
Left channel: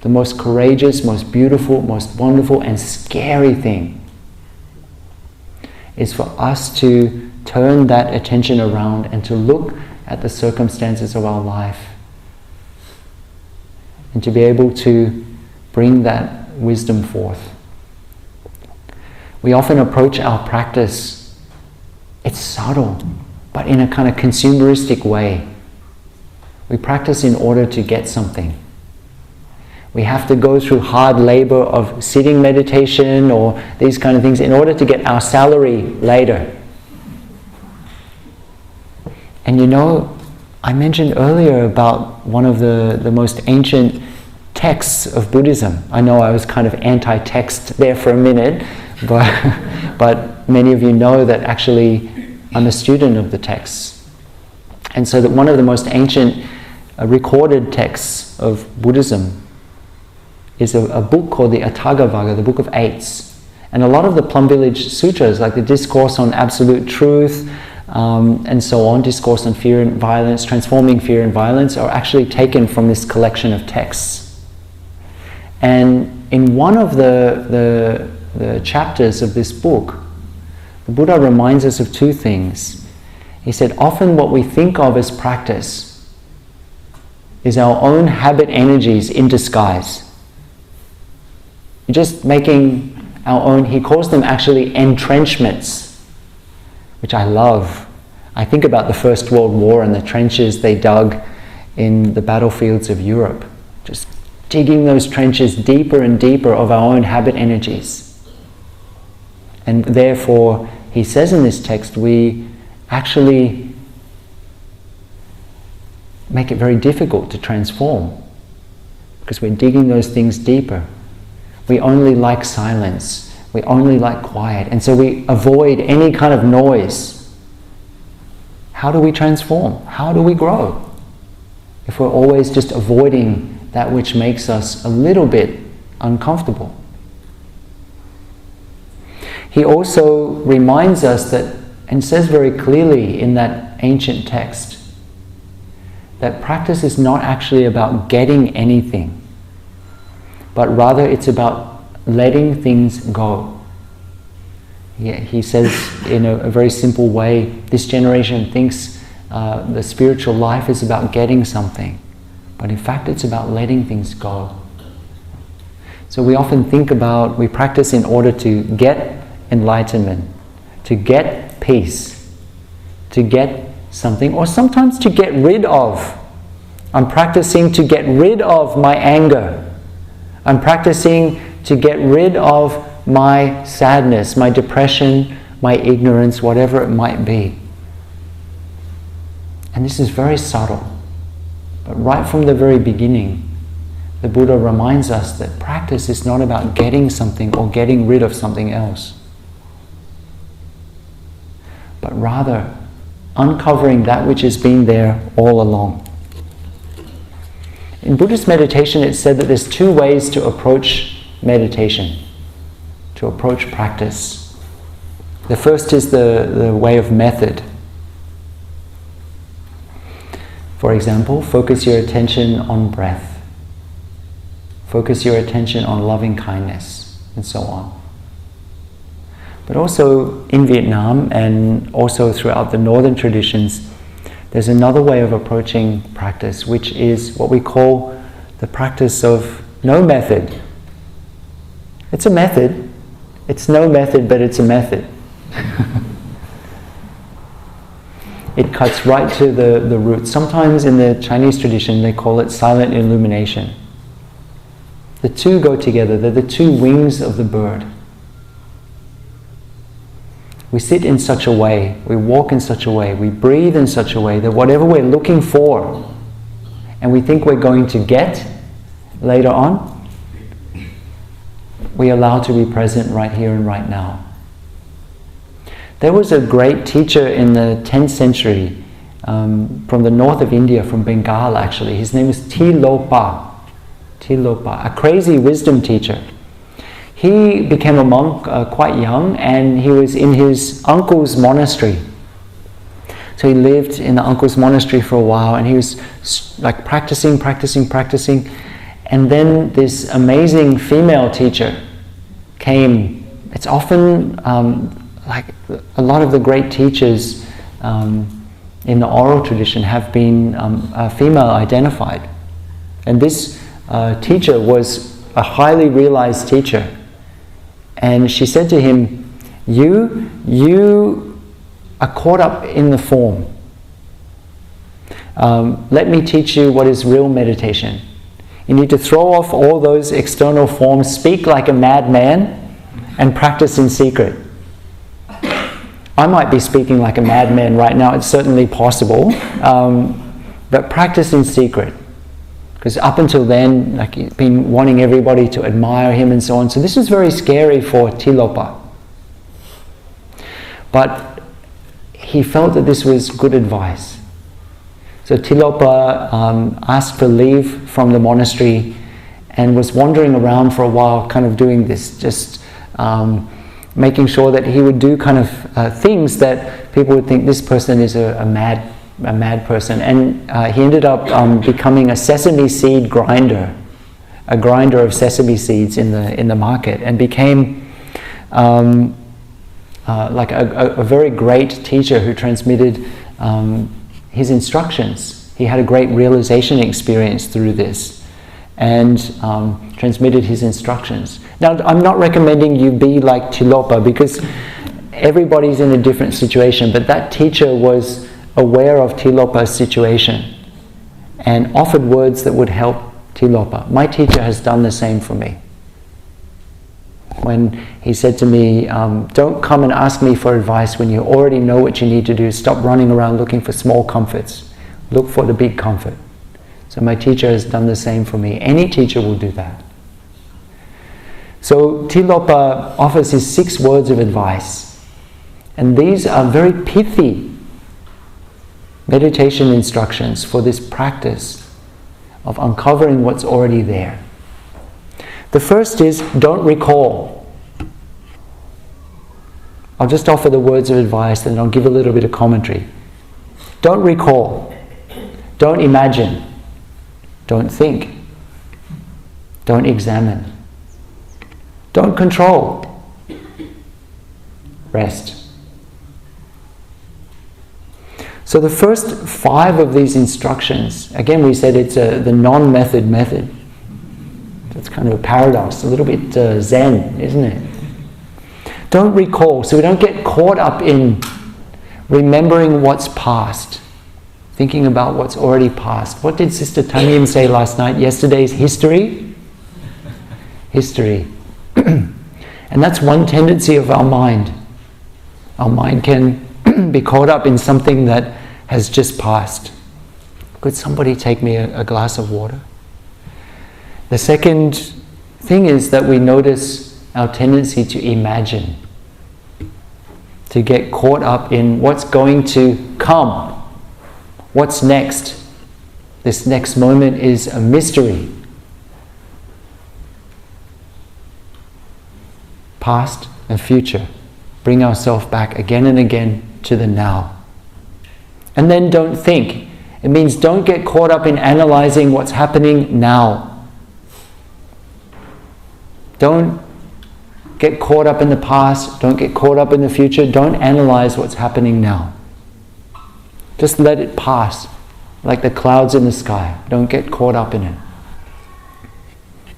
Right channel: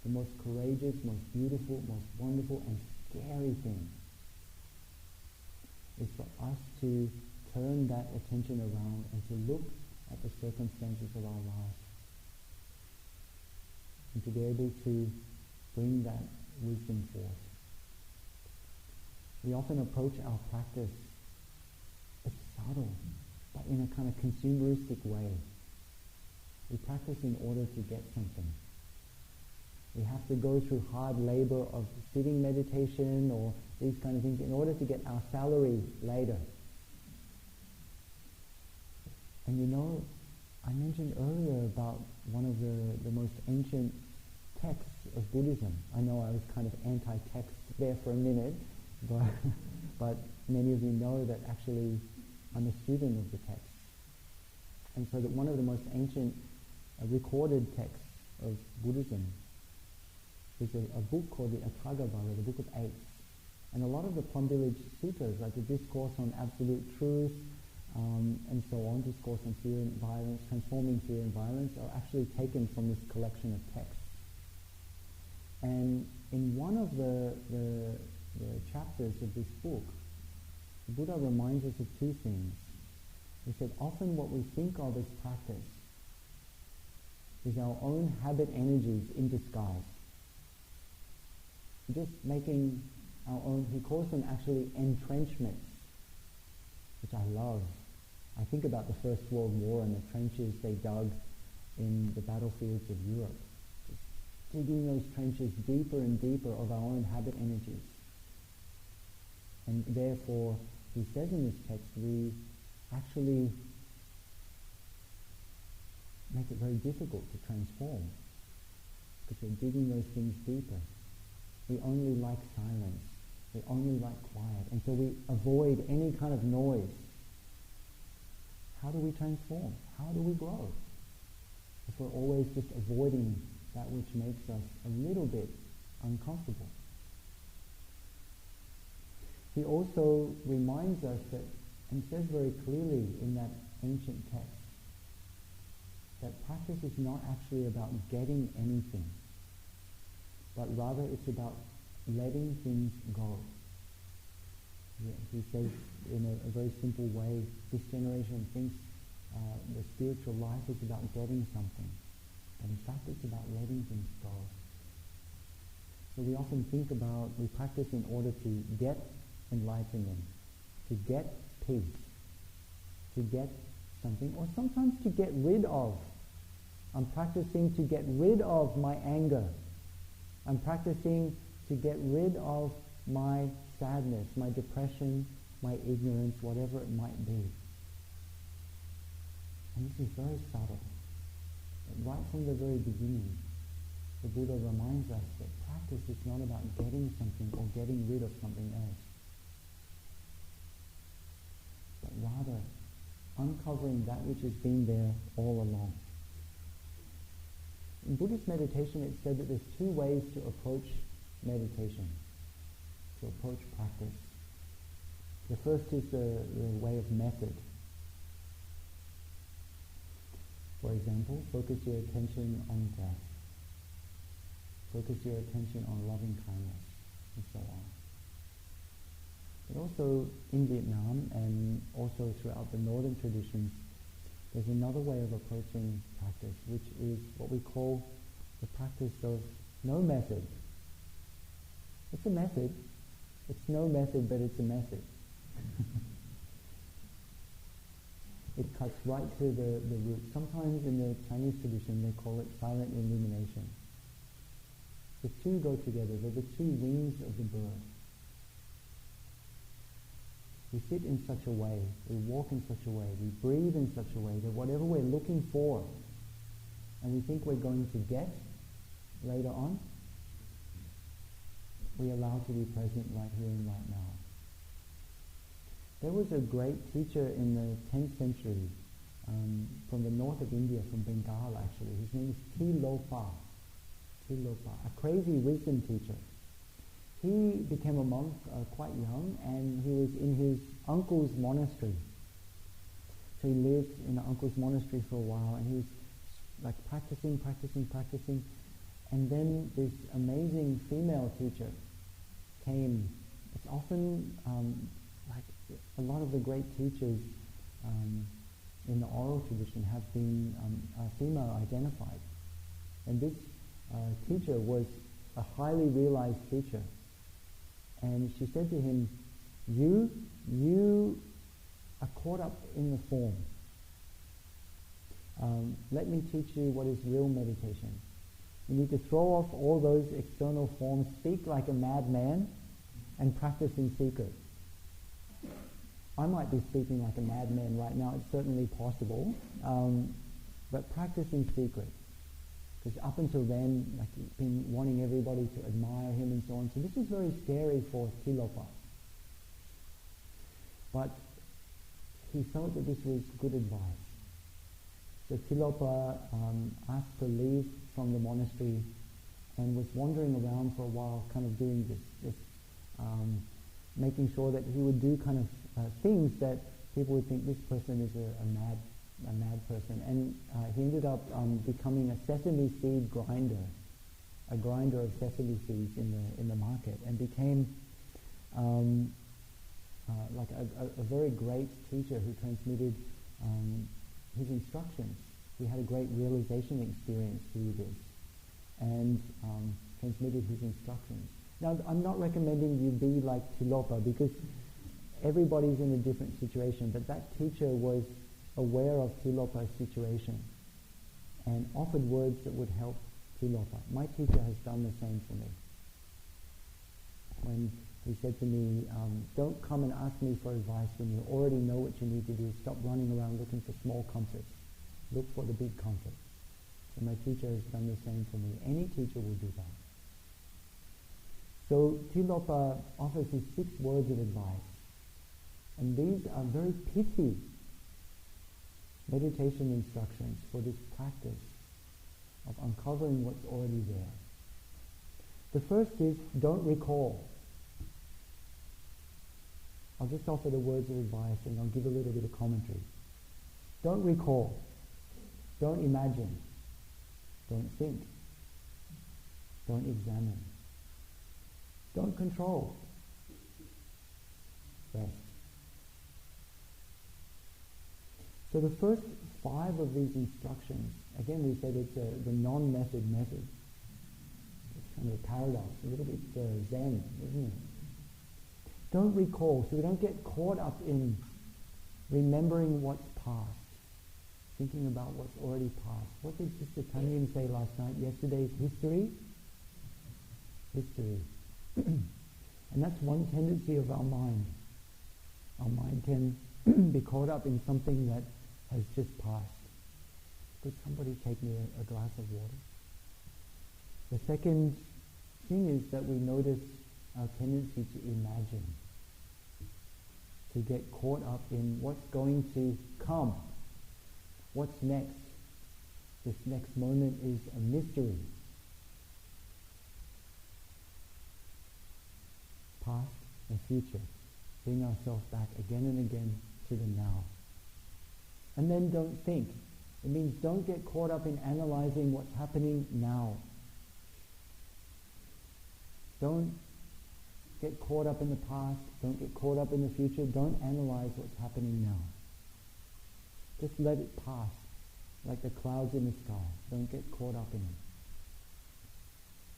The most courageous, most beautiful, most wonderful and scary thing is for us to turn that attention around and to look at the circumstances of our life and to be able to bring that wisdom forth. We often approach our practice, it's subtle, but in a kind of consumeristic way. We practice in order to get something. We have to go through hard labor of sitting meditation or these kind of things in order to get our salary later. And you know, I mentioned earlier about one of the most ancient texts of Buddhism. I know I was kind of anti-text there for a minute, but many of you know that actually I'm a student of the texts. And so that one of the most ancient recorded texts of Buddhism is a book called the Atthagavagga, the Book of Eights. And a lot of the Plum Village Sutras, like the Discourse on Absolute Truth, and so on, Discourse on Fear and Violence, Transforming Fear and Violence, are actually taken from this collection of texts. And in one of the chapters of this book, the Buddha reminds us of two things. He said, often what we think of as practice is our own habit energies in disguise. We're just making our own, he calls them actually entrenchments, which I love. I think about the First World War and the trenches they dug in the battlefields of Europe. Just digging those trenches deeper and deeper of our own habit energies. And therefore, he says in this text, we actually make it very difficult to transform because we're digging those things deeper. We only like silence. We only like quiet. And so we avoid any kind of noise. How do we transform? How do we grow? If we're always just avoiding that which makes us a little bit uncomfortable. He also reminds us that, and says very clearly in that ancient text, that practice is not actually about getting anything, but rather it's about letting things go. Yeah, he says in a very simple way, this generation thinks the spiritual life is about getting something, but in fact it's about letting things go. So we often think about, we practice in order to get enlightenment, to get peace, to get something, or sometimes to get rid of. I'm practicing to get rid of my anger. I'm practicing to get rid of my sadness, my depression, my ignorance, whatever it might be. And this is very subtle. But right from the very beginning, the Buddha reminds us that practice is not about getting something or getting rid of something else, but rather uncovering that which has been there all along. In Buddhist meditation, it's said that there's two ways to approach meditation, to approach practice. The first is the way of method. For example, focus your attention on breath. Focus your attention on loving kindness, and so on. But also in Vietnam, and also throughout the northern traditions, there's another way of approaching practice, which is what we call the practice of no method. It's a method. It's no method, but it's a method. It cuts right to the root. Sometimes in the Chinese tradition, they call it silent illumination. The two go together. They're the two wings of the bird. we sit in such a way, we walk in such a way, we breathe in such a way that whatever we're looking for and we think we're going to get later on, we allow to be present right here and right now. There was a great teacher in the 10th century from the north of India, from Bengal actually. His name is Tilopa. Tilopa, a crazy wisdom teacher. He became a monk quite young, and he was in his uncle's monastery. So he lived in the uncle's monastery for a while, and he was like practicing. And then this amazing female teacher came. It's often like a lot of the great teachers in the oral tradition have been female identified. And this teacher was a highly realized teacher. And she said to him, you are caught up in the form. Let me teach you what is real meditation. You need to throw off all those external forms, speak like a madman, and practice in secret. I might be speaking like a madman right now, it's certainly possible, but practice in secret. Because up until then, like, he'd been wanting everybody to admire him and so on. So this was very scary for Tilopa. But he felt that this was good advice. So Tilopa asked for leave from the monastery and was wandering around for a while, kind of doing this, just making sure that he would do kind of things that people would think this person is a mad person. And he ended up becoming a sesame seed grinder, a grinder of sesame seeds in the market, and became like a very great teacher who transmitted his instructions. He had a great realization experience through this, and transmitted his instructions. Now, I'm not recommending you be like Tilopa, because everybody's in a different situation, but that teacher was aware of Tilopa's situation and offered words that would help Tilopa. My teacher has done the same for me. When he said to me, don't come and ask me for advice when you already know what you need to do. Stop running around looking for small comforts. Look for the big comfort. So my teacher has done the same for me. Any teacher will do that. So Tilopa offers his 6 words of advice. And these are very pithy meditation instructions for this practice of uncovering what's already there. The first is, don't recall. I'll just offer the words of advice and I'll give a little bit of commentary. Don't recall. Don't imagine. Don't think. Don't examine. Don't control. Rest. So the first 5 of these instructions, again we said it's the non-method method. It's kind of a paradox, a little bit Zen, isn't it? Don't recall, so we don't get caught up in remembering what's past, thinking about what's already past. What did Sister Tanyam say last night? Yesterday's history? History. And that's one tendency of our mind. Our mind can be caught up in something that has just passed. Could somebody take me a glass of water? The second thing is that we notice our tendency to imagine, to get caught up in what's going to come, what's next. This next moment is a mystery. Past and future. Bring ourselves back again and again to the now. And then don't think. It means don't get caught up in analyzing what's happening now. Don't get caught up in the past. Don't get caught up in the future. Don't analyze what's happening now. Just let it pass, like the clouds in the sky. Don't get caught up in it.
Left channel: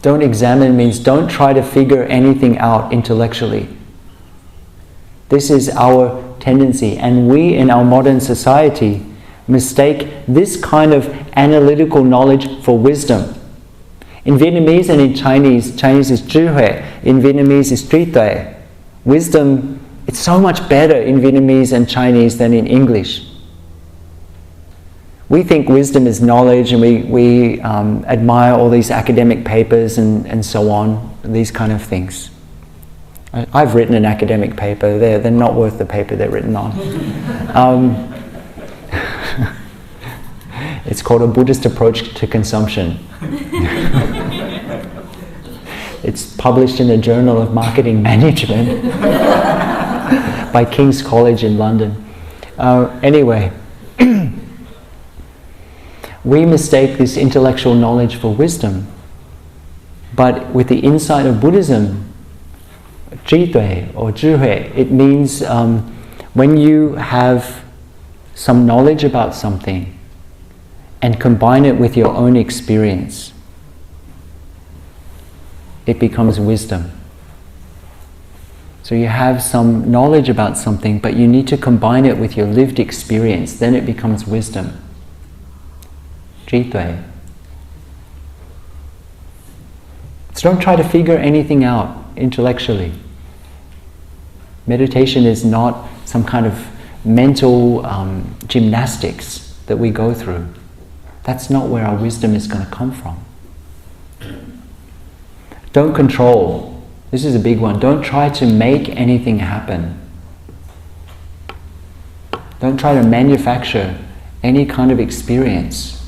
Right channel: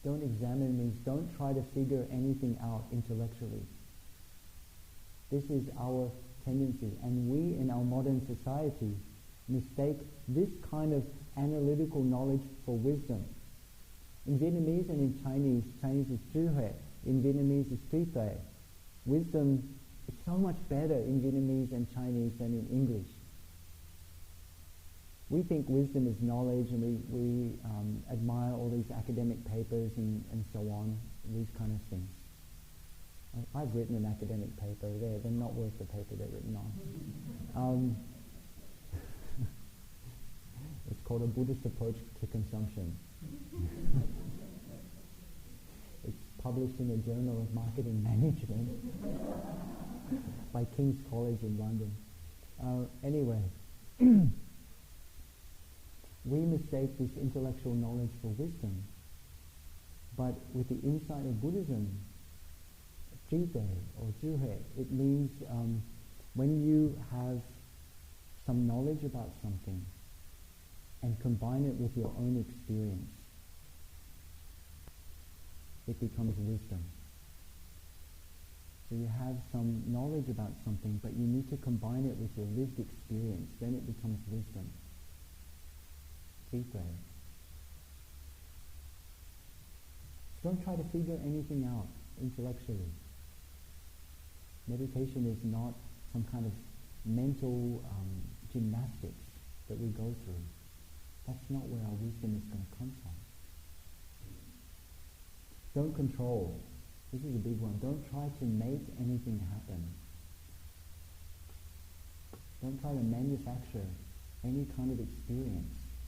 Don't examine means don't try to figure anything out intellectually. This is our tendency, and we in our modern society mistake this kind of analytical knowledge for wisdom. In Vietnamese and in Chinese is 智慧, in Vietnamese is trí tuệ. Wisdom It's so much better in Vietnamese and Chinese than in English. We think wisdom is knowledge, and we admire all these academic papers and so on, these kind of things. I've written an academic paper. They're not worth the paper they're written on. It's called A Buddhist Approach to Consumption. It's published in the Journal of Marketing Management by King's College in London. Anyway, we mistake this intellectual knowledge for wisdom. But with the insight of Buddhism, 智慧 or 智慧, it means when you have some knowledge about something and combine it with your own experience, it becomes wisdom. So you have some knowledge about something, but you need to combine it with your lived experience, then it becomes wisdom. 智慧. So don't try to figure anything out intellectually. Meditation is not some kind of mental gymnastics that we go through. That's not where our wisdom is going to come from. Don't control. This is a big one. Don't try to make anything happen. Don't try to manufacture any kind of experience.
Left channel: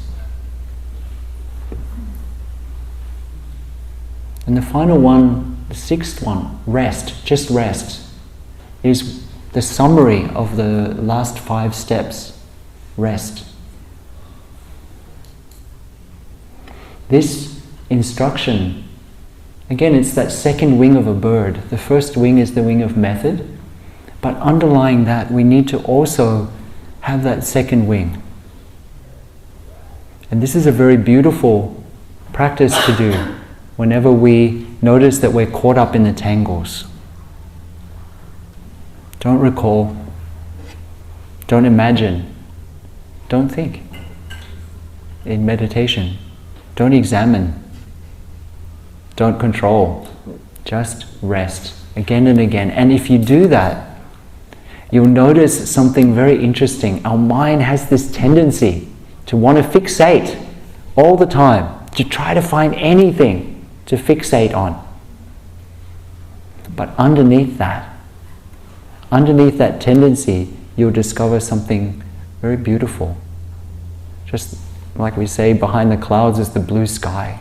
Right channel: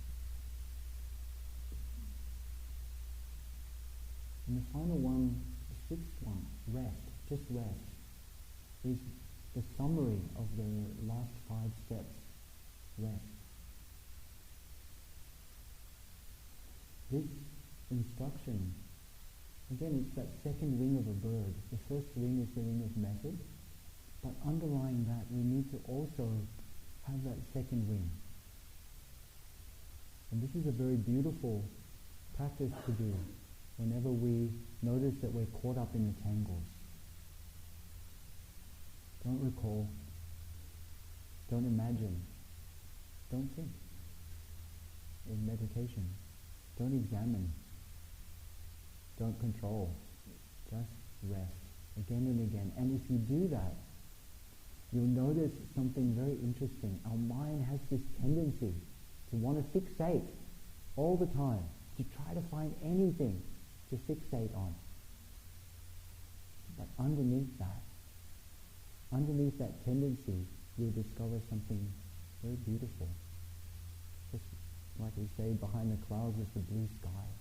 And the final one, the sixth one, rest, just rest, is the summary of the last 5 steps. Rest. This instruction, again, it's that second wing of a bird. The first wing is the wing of method, but underlying that, we need to also have that second wing. And this is a very beautiful practice to do whenever we notice that we're caught up in the tangles. Don't recall, don't imagine, don't think. In meditation, don't examine, don't control, just rest again and again. And if you do that, you'll notice something very interesting. Our mind has this tendency to want to fixate all the time, to try to find anything to fixate on. But underneath that tendency, you'll discover something very beautiful. Just like we say, behind the clouds is the blue sky.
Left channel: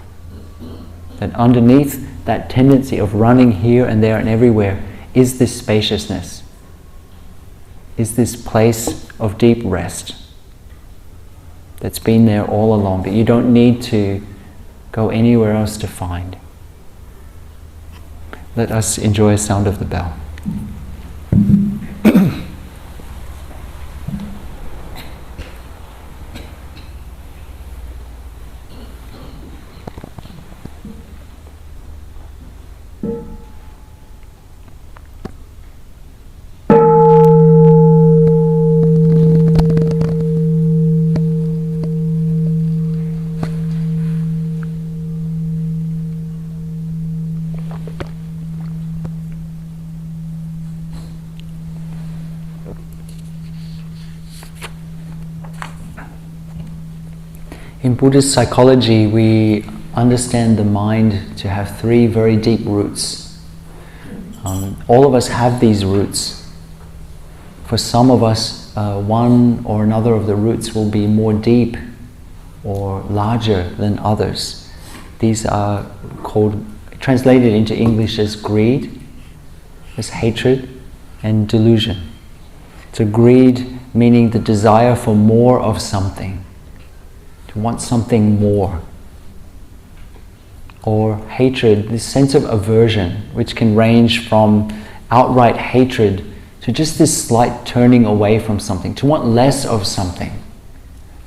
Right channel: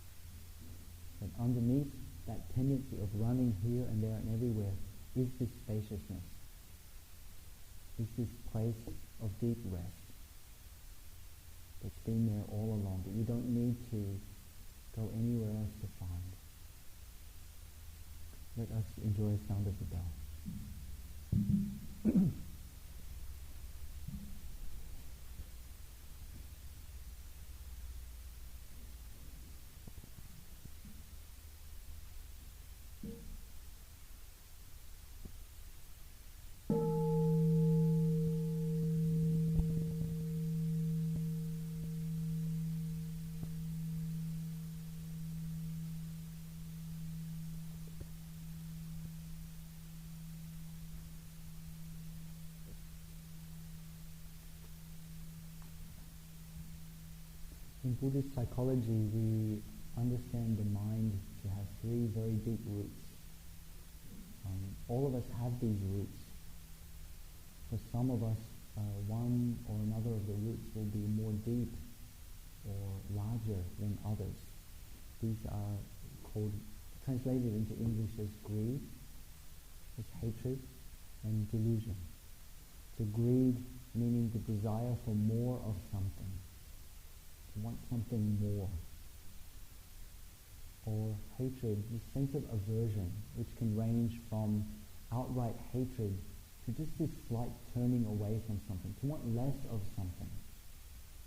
That underneath that tendency of running here and there and everywhere is this spaciousness, is this place of deep rest that's been there all along, that you don't need to go anywhere else to find. Let us enjoy a sound of the bell. In Buddhist psychology, we understand the mind to have 3 very deep roots. All of us have these roots. For some of us, one or another of the roots will be more deep or larger than others. These are translated into English as greed, as hatred, and delusion. So greed meaning the desire for more of something, to want something more. Or hatred, this sense of aversion, which can range from outright hatred to just this slight turning away from something, to want less of something,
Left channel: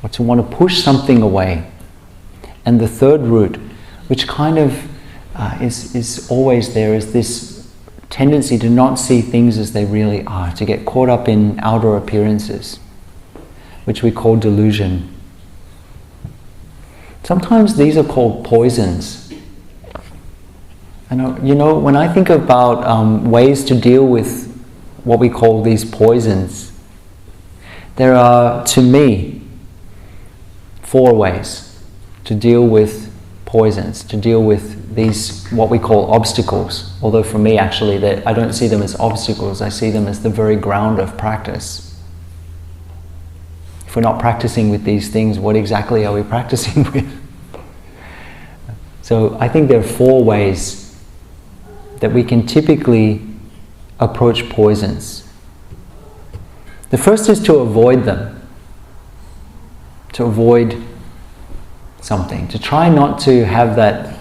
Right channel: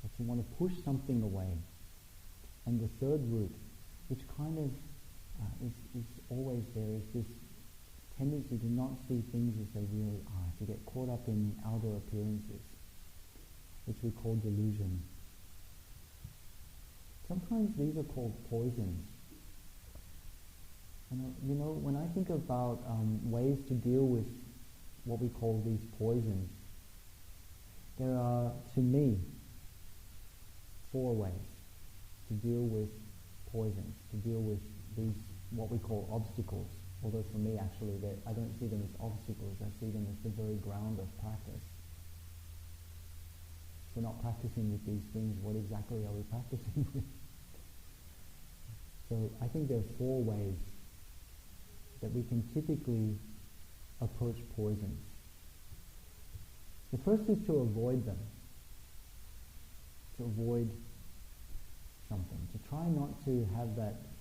or to want to push something away. And the third root, which kind of is always there, is this tendency to not see things as they really are, to get caught up in outer appearances, which we call delusion. Sometimes these are called poisons. And when I think about ways to deal with what we call these poisons. There are, to me, 4 ways to deal with poisons, to deal with these, what we call obstacles. Although for me, actually, that I don't see them as obstacles, I see them as the very ground of practice. If we're not practicing with these things, what exactly are we practicing with? So I think there are 4 ways that we can typically approach poisons. The first is to avoid them, to avoid something, to try not to have that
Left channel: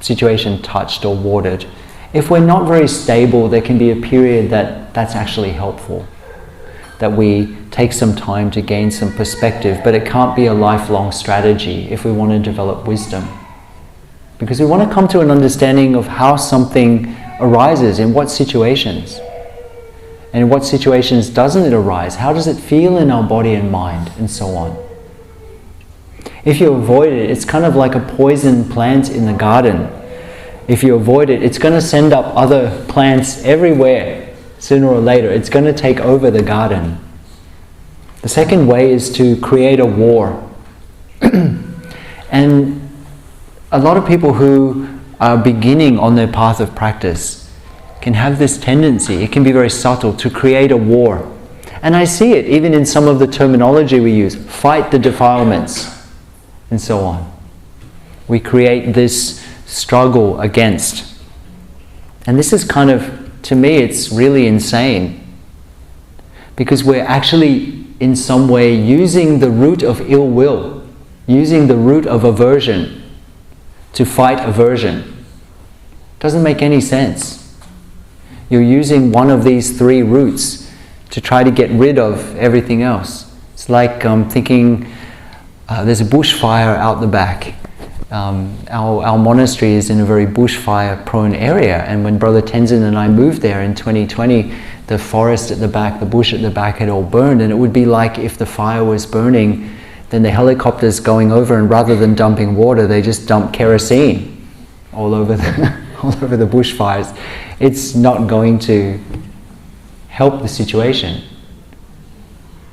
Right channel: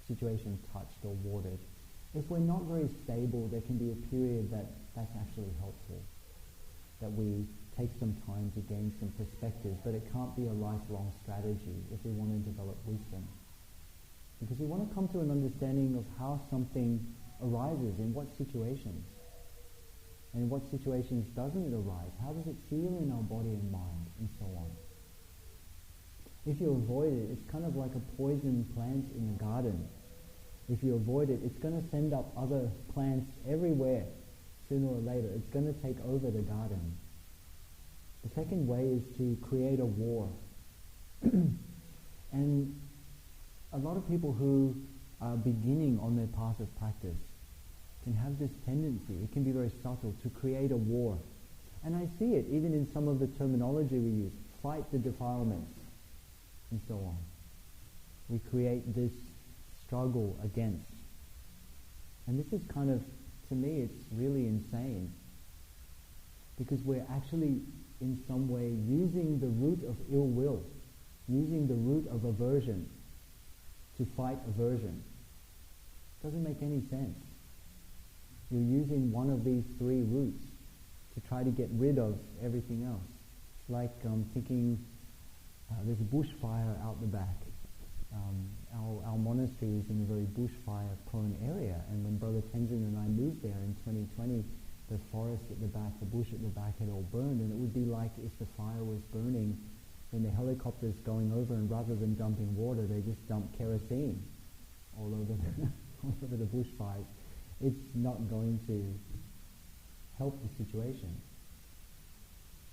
situation touched or watered. If we're not very stable, there can be a period that's actually helpful, that we take some time to gain some perspective, but it can't be a lifelong strategy if we want to develop wisdom. Because we want to come to an understanding of how something arises, in what situations. And in what situations doesn't it arise? How does it feel in our body and mind, and so on. If you avoid it, it's kind of like a poison plant in the garden. If you avoid it, it's going to send up other plants everywhere. Sooner or later, it's going to take over the garden. The second way is to create a war. And a lot of people who are beginning on their path of practice can have this tendency, it can be very subtle, to create a war. And I see it even in some of the terminology we use, fight the defilements, and so on. We create this struggle against. And this is kind of, to me, it's really insane. Because we're actually, in some way, using the root of ill will, using the root of aversion to fight aversion. Doesn't make any sense. You're using one of these 3 roots to try to get rid of everything else. It's like thinking there's a bushfire out the back. Our monastery is in a very bushfire prone area, and when Brother Tenzin and I moved there in 2020, the forest at the back, the bush at the back had all burned, and it would be like if the fire was burning, then the helicopters going over, and rather than dumping water, they just dump kerosene all over the bushfires. It's not going to help the situation.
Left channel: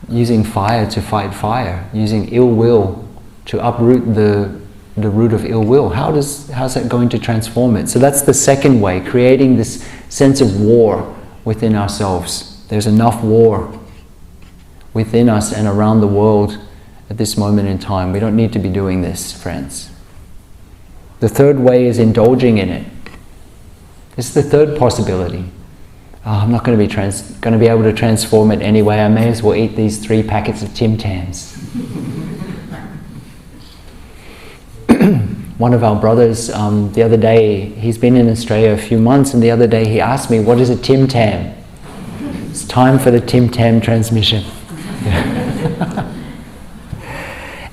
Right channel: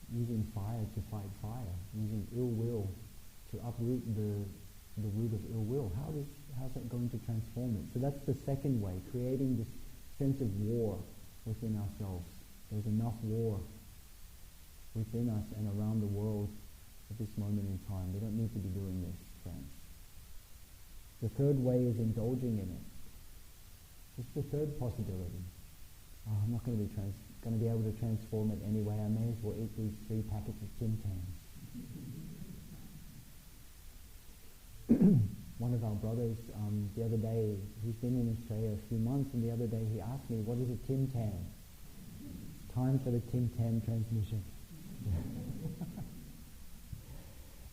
Using fire to fight fire, using ill will to uproot the root of ill will. How's that going to transform it? So that's the second way, creating this sense of war within ourselves. There's enough war within us and around the world at this moment in time. We don't need to be doing this, friends. The third way is indulging in it. This is the third possibility. I'm not going to be able to transform it anyway. I may as well eat these 3 packets of Tim Tams. One of our brothers, the other day, he's been in Australia a few months, and the other day he asked me, what is a Tim Tam? It's time for the Tim Tam transmission.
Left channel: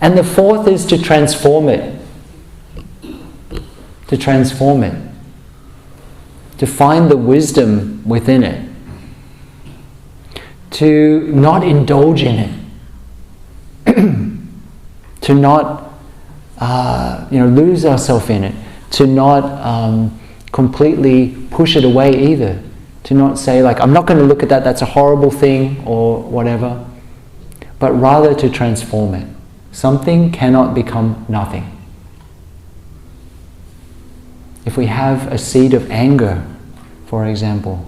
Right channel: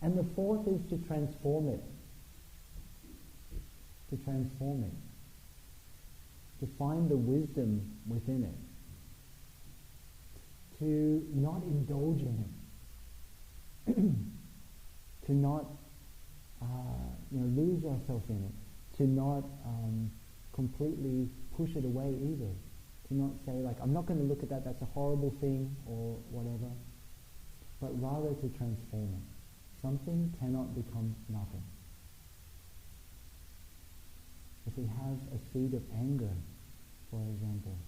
And the fourth is to transform it. To transform it. To find the wisdom within it. To not indulge in it. To not lose ourselves in it. To not completely push it away either. To not say like, I'm not going to look at that, that's a horrible thing or whatever. But rather to transform it. Something cannot become nothing. If we have a seed of anger, for example,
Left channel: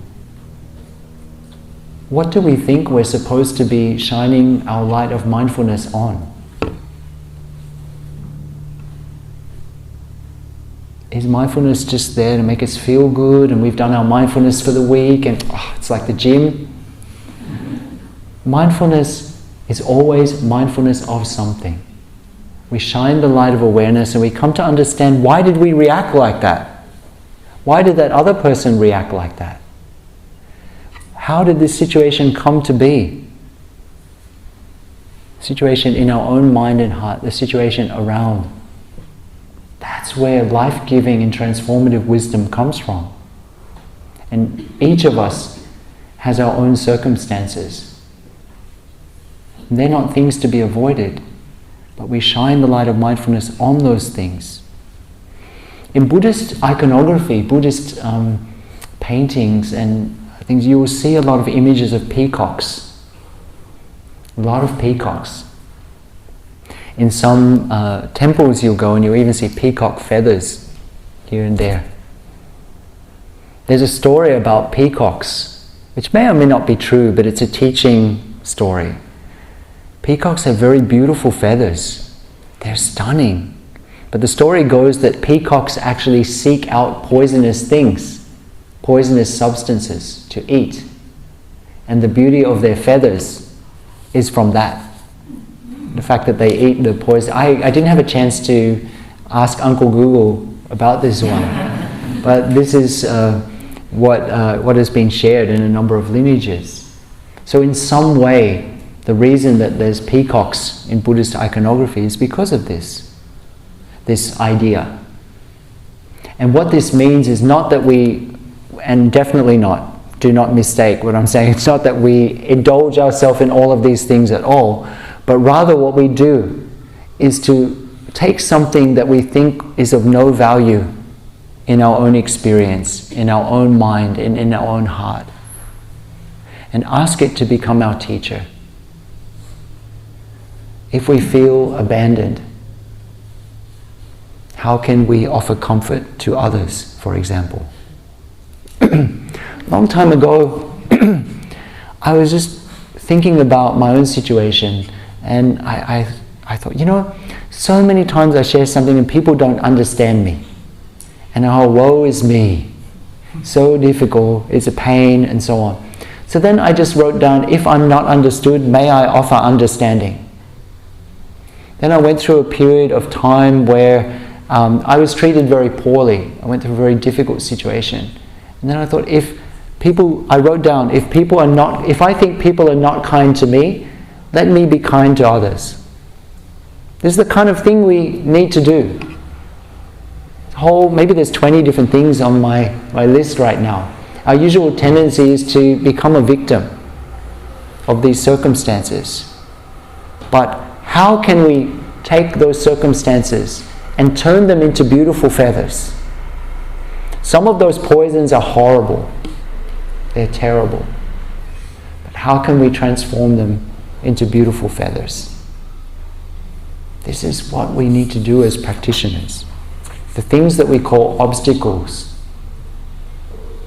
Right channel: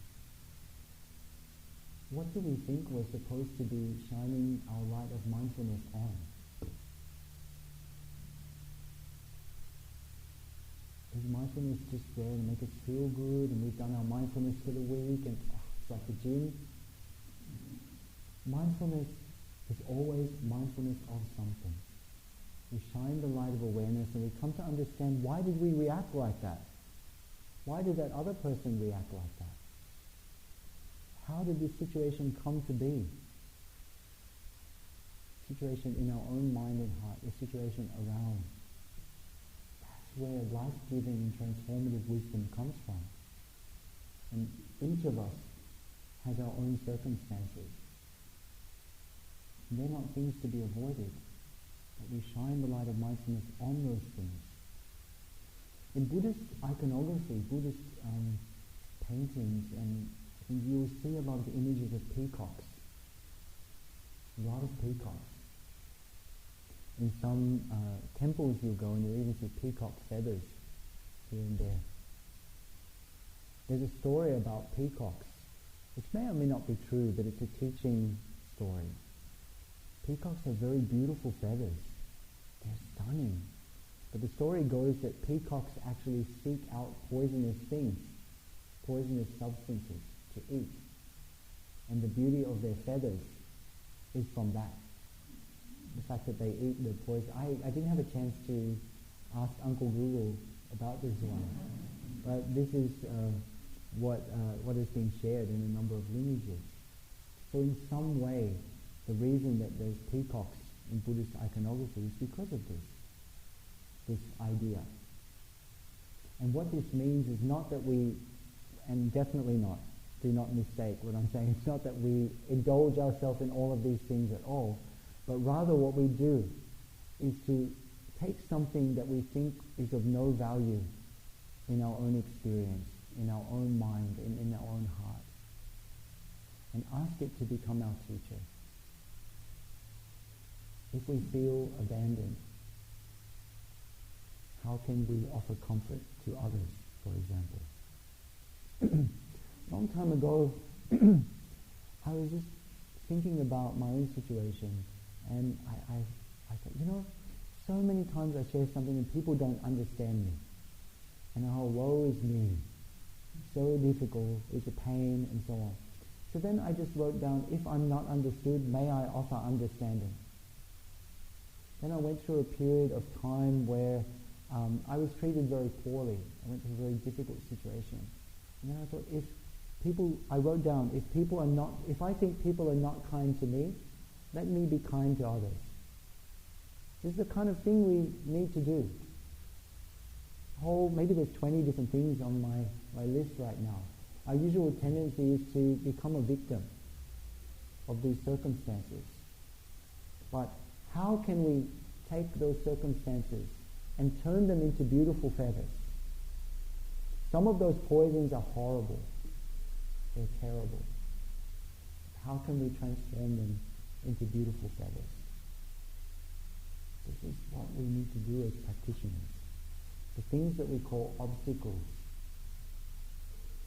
what do we think we're supposed to be shining our light of mindfulness on? Is mindfulness just there to make us feel good, and we've done our mindfulness for the week, and it's like the gym? Mindfulness is always mindfulness of something. We shine the light of awareness and we come to understand, why did we react like that? Why did that other person react like that? How did this situation come to be? Situation in our own mind and heart, the situation around. That's where life-giving and transformative wisdom comes from. And each of us has our own circumstances. They're not things to be avoided, but we shine the light of mindfulness on those things. In Buddhist iconography, Buddhist paintings and things, you will see a lot of images of peacocks. A lot of peacocks. In some temples you'll go and you'll even see peacock feathers here and there. There's a story about peacocks, which may or may not be true, but it's a teaching story. Peacocks have very beautiful feathers. They're stunning. But the story goes that peacocks actually seek out poisonous things, poisonous substances to eat. And the beauty of their feathers is from that. The fact that they eat the poison. I didn't have a chance to ask Uncle Google about this one, but this is what has been shared in a number of lineages. So in some way, the reason that there's peacocks in Buddhist iconography is because of this idea. And what this means is not that we, and definitely not, do not mistake what I'm saying, it's not that we indulge ourselves in all of these things at all, but rather what we do is to take something that we think is of no value in our own experience, in our own mind, and in our own heart, and ask it to become our teacher. If we feel abandoned, how can we offer comfort to others, for example? Long time ago, I was just thinking about my own situation, and I thought, so many times I share something and people don't understand me. And oh, woe is me. So difficult, it's a pain, and so on. So then I just wrote down, if I'm not understood, may I offer understanding. Then I went through a period of time where I was treated very poorly. I went through a very difficult situation. And then I thought, I wrote down, if I think people are not kind to me, let me be kind to others. This is the kind of thing we need to do. Maybe there's 20 different things on my list right now. Our usual tendency is to become a victim of these circumstances. But how can we take those circumstances and turn them into beautiful feathers? Some of those poisons are horrible. They're terrible. But how can we transform them into beautiful feathers? This is what we need to do as practitioners. The things that we call obstacles,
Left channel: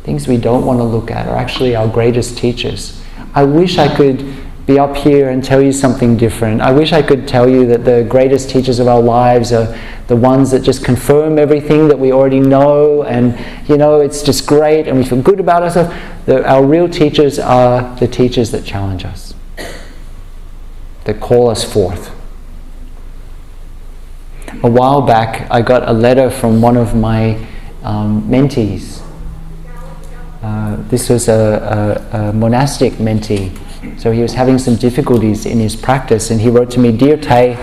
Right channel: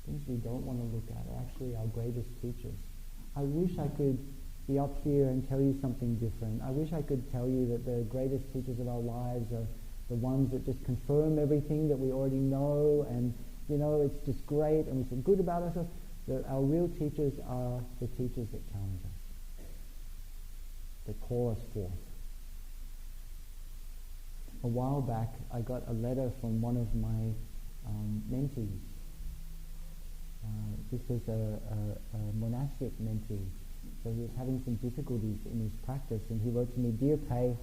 things we don't want to look at, are actually our greatest teachers. I wish I could be up here and tell you something different. I wish I could tell you that the greatest teachers of our lives are the ones that just confirm everything that we already know, and it's just great and we feel good about ourselves. Our real teachers are the teachers that challenge us, that call us forth. A while back, I got a letter from one of my mentees. This was a monastic mentee. So he was having some difficulties in his practice, and he wrote to me, "Dear Tay,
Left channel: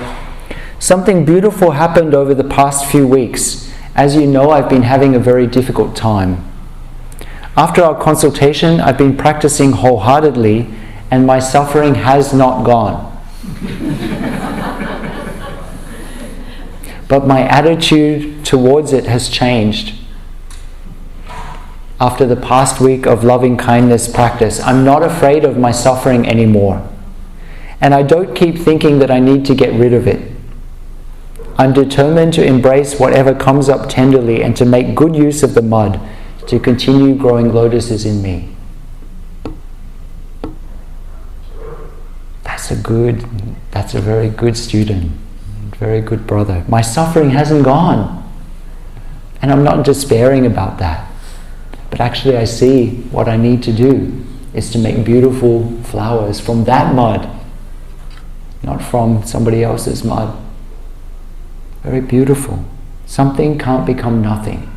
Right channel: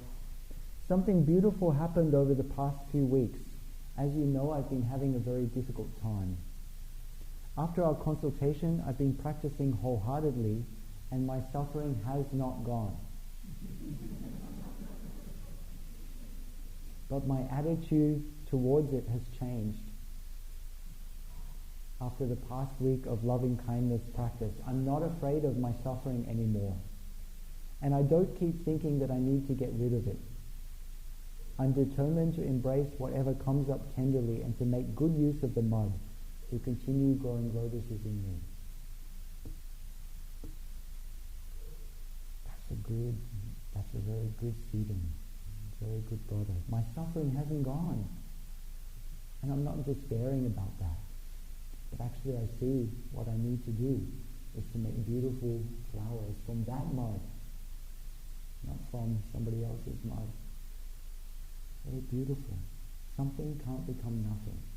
something beautiful happened over the past few weeks. As you know, I've been having a very difficult time. After our consultation, I've been practicing wholeheartedly, and my suffering has not gone. But my attitude towards it has changed. After the past week of loving kindness practice, I'm not afraid of my suffering anymore. And I don't keep thinking that I need to get rid of it. I'm determined to embrace whatever comes up tenderly and to make good use of the mud to continue growing lotuses in me." That's a very good student, very good brother. My suffering hasn't gone. And I'm not despairing about that. But actually I see what I need to do is to make beautiful flowers from that mud, not from somebody else's mud. Very beautiful. Something can't become nothing.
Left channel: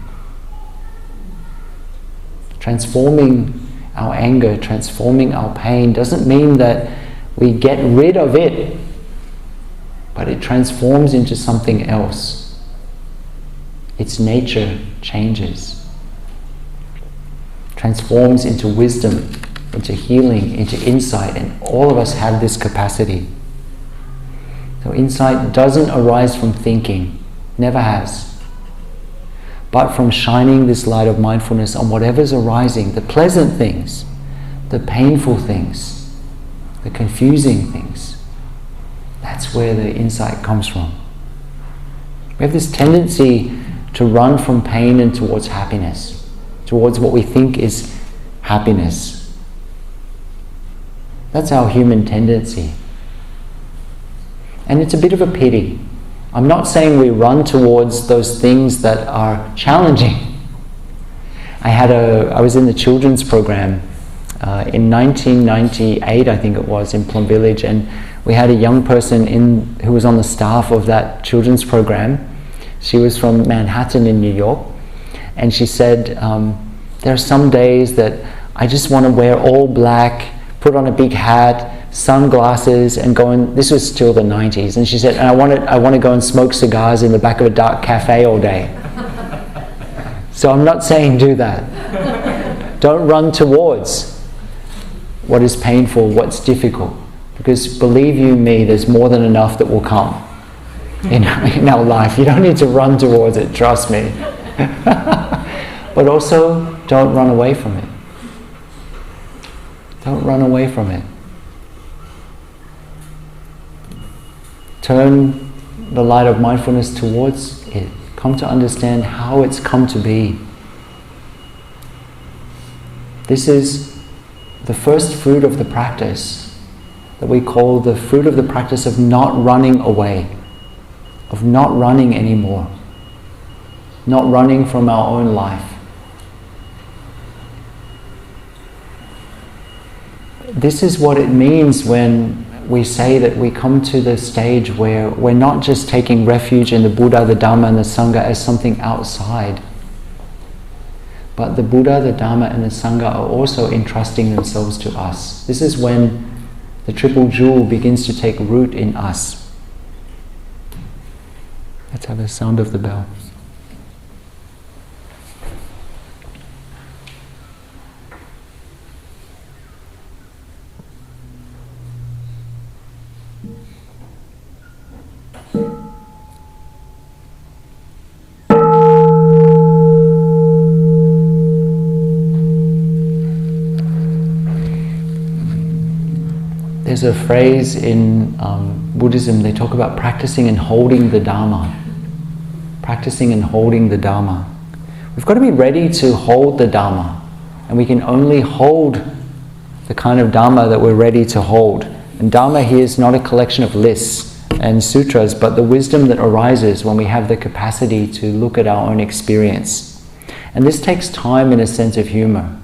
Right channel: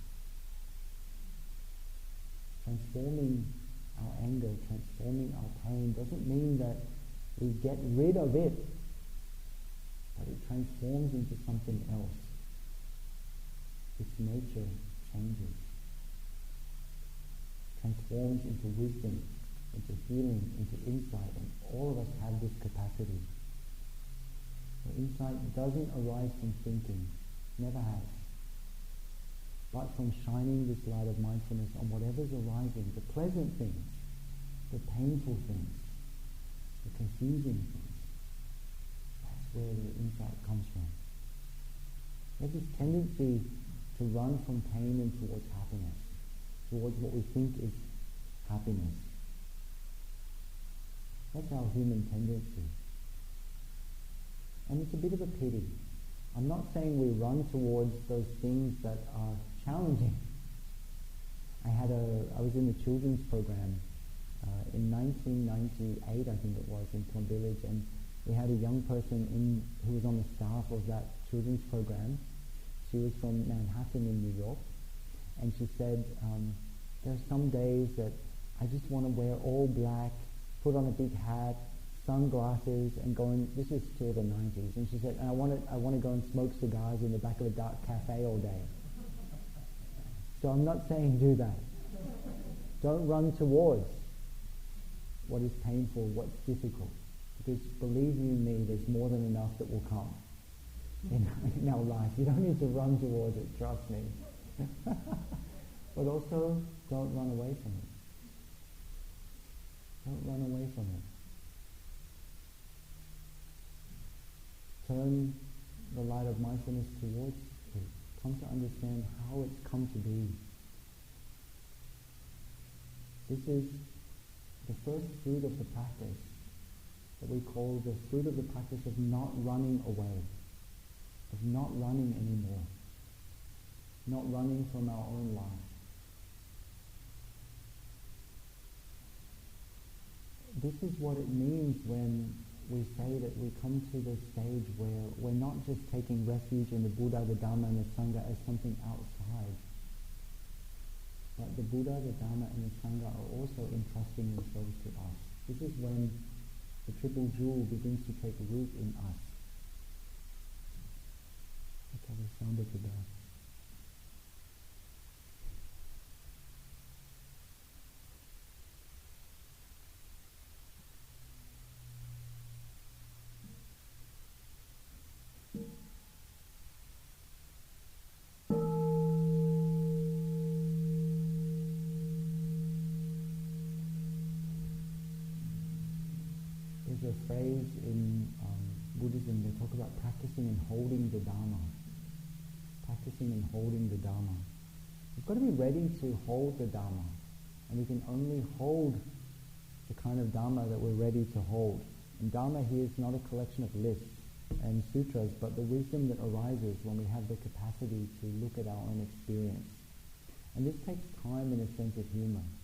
Transforming our anger, transforming our pain doesn't mean that we get rid of it, but it transforms into something else. Its nature changes. Transforms into wisdom, into healing, into insight, and all of us have this capacity. So insight doesn't arise from thinking, never has, but from shining this light of mindfulness on whatever's arising, the pleasant things, the painful things, the confusing things. That's where the insight comes from. We have this tendency to run from pain and towards happiness, towards what we think is happiness. That's our human tendency. And it's a bit of a pity. I'm not saying we run towards those things that are challenging. I was in the children's program in 1998, I think it was, in Plum Village, and we had a young person who was on the staff of that children's program. She was from Manhattan in New York, and she said, there are some days that I just want to wear all black, put on a big hat, sunglasses, and go and, this was still the 90s, and she said, and I want to go and smoke cigars in the back of a dark cafe all day. So I'm not saying do that. Don't run towards what is painful, what's difficult, because believe you me, there's more than enough that will come in our life. You don't need to run towards it, trust me. But also, don't run away from it. Don't run away from it. Turn the light of mindfulness towards it. Come to understand how it's come to be. This is the first fruit of the practice that we call the fruit of the practice of not running away, of not running anymore, not running from our own life. This is what it means when we say that we come to the stage where we're not just taking refuge in the Buddha, the Dharma, and the Sangha as something outside, but the Buddha, the Dharma, and the Sangha are also entrusting themselves to us. This is when the triple jewel begins to take root in us. Let's have a sound of the bell. There's a phrase in Buddhism, they talk about practicing and holding the Dharma. Practicing and holding the Dharma. We've got to be ready to hold the Dharma, and we can only hold the kind of Dharma that we're ready to hold. And Dharma here is not a collection of lists and sutras, but the wisdom that arises when we have the capacity to look at our own experience. And this takes time and a sense of humor.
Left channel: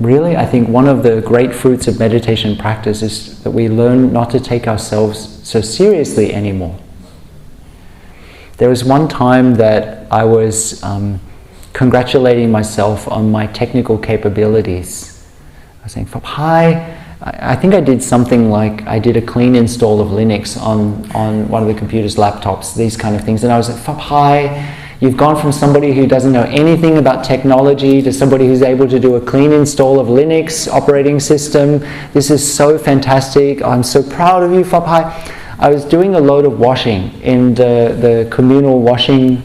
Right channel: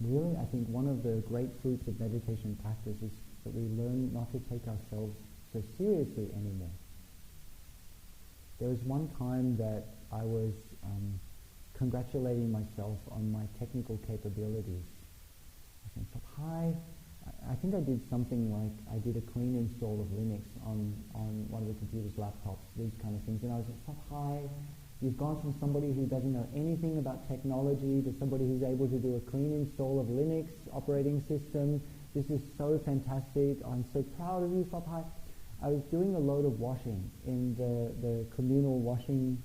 Really, I think one of the great fruits of meditation practice is that we learn not to take ourselves so seriously anymore. There was one time that I was congratulating myself on my technical capabilities. I was saying, Phap, hi, I think I did something like, I did a clean install of Linux on one of the computer's laptops, these kind of things. And I was like, Phap, hi, you've gone from somebody who doesn't know anything about technology to somebody who's able to do a clean install of Linux operating system. This is so fantastic. I'm so proud of you, Phap, hi. I was doing a load of washing in the communal washing,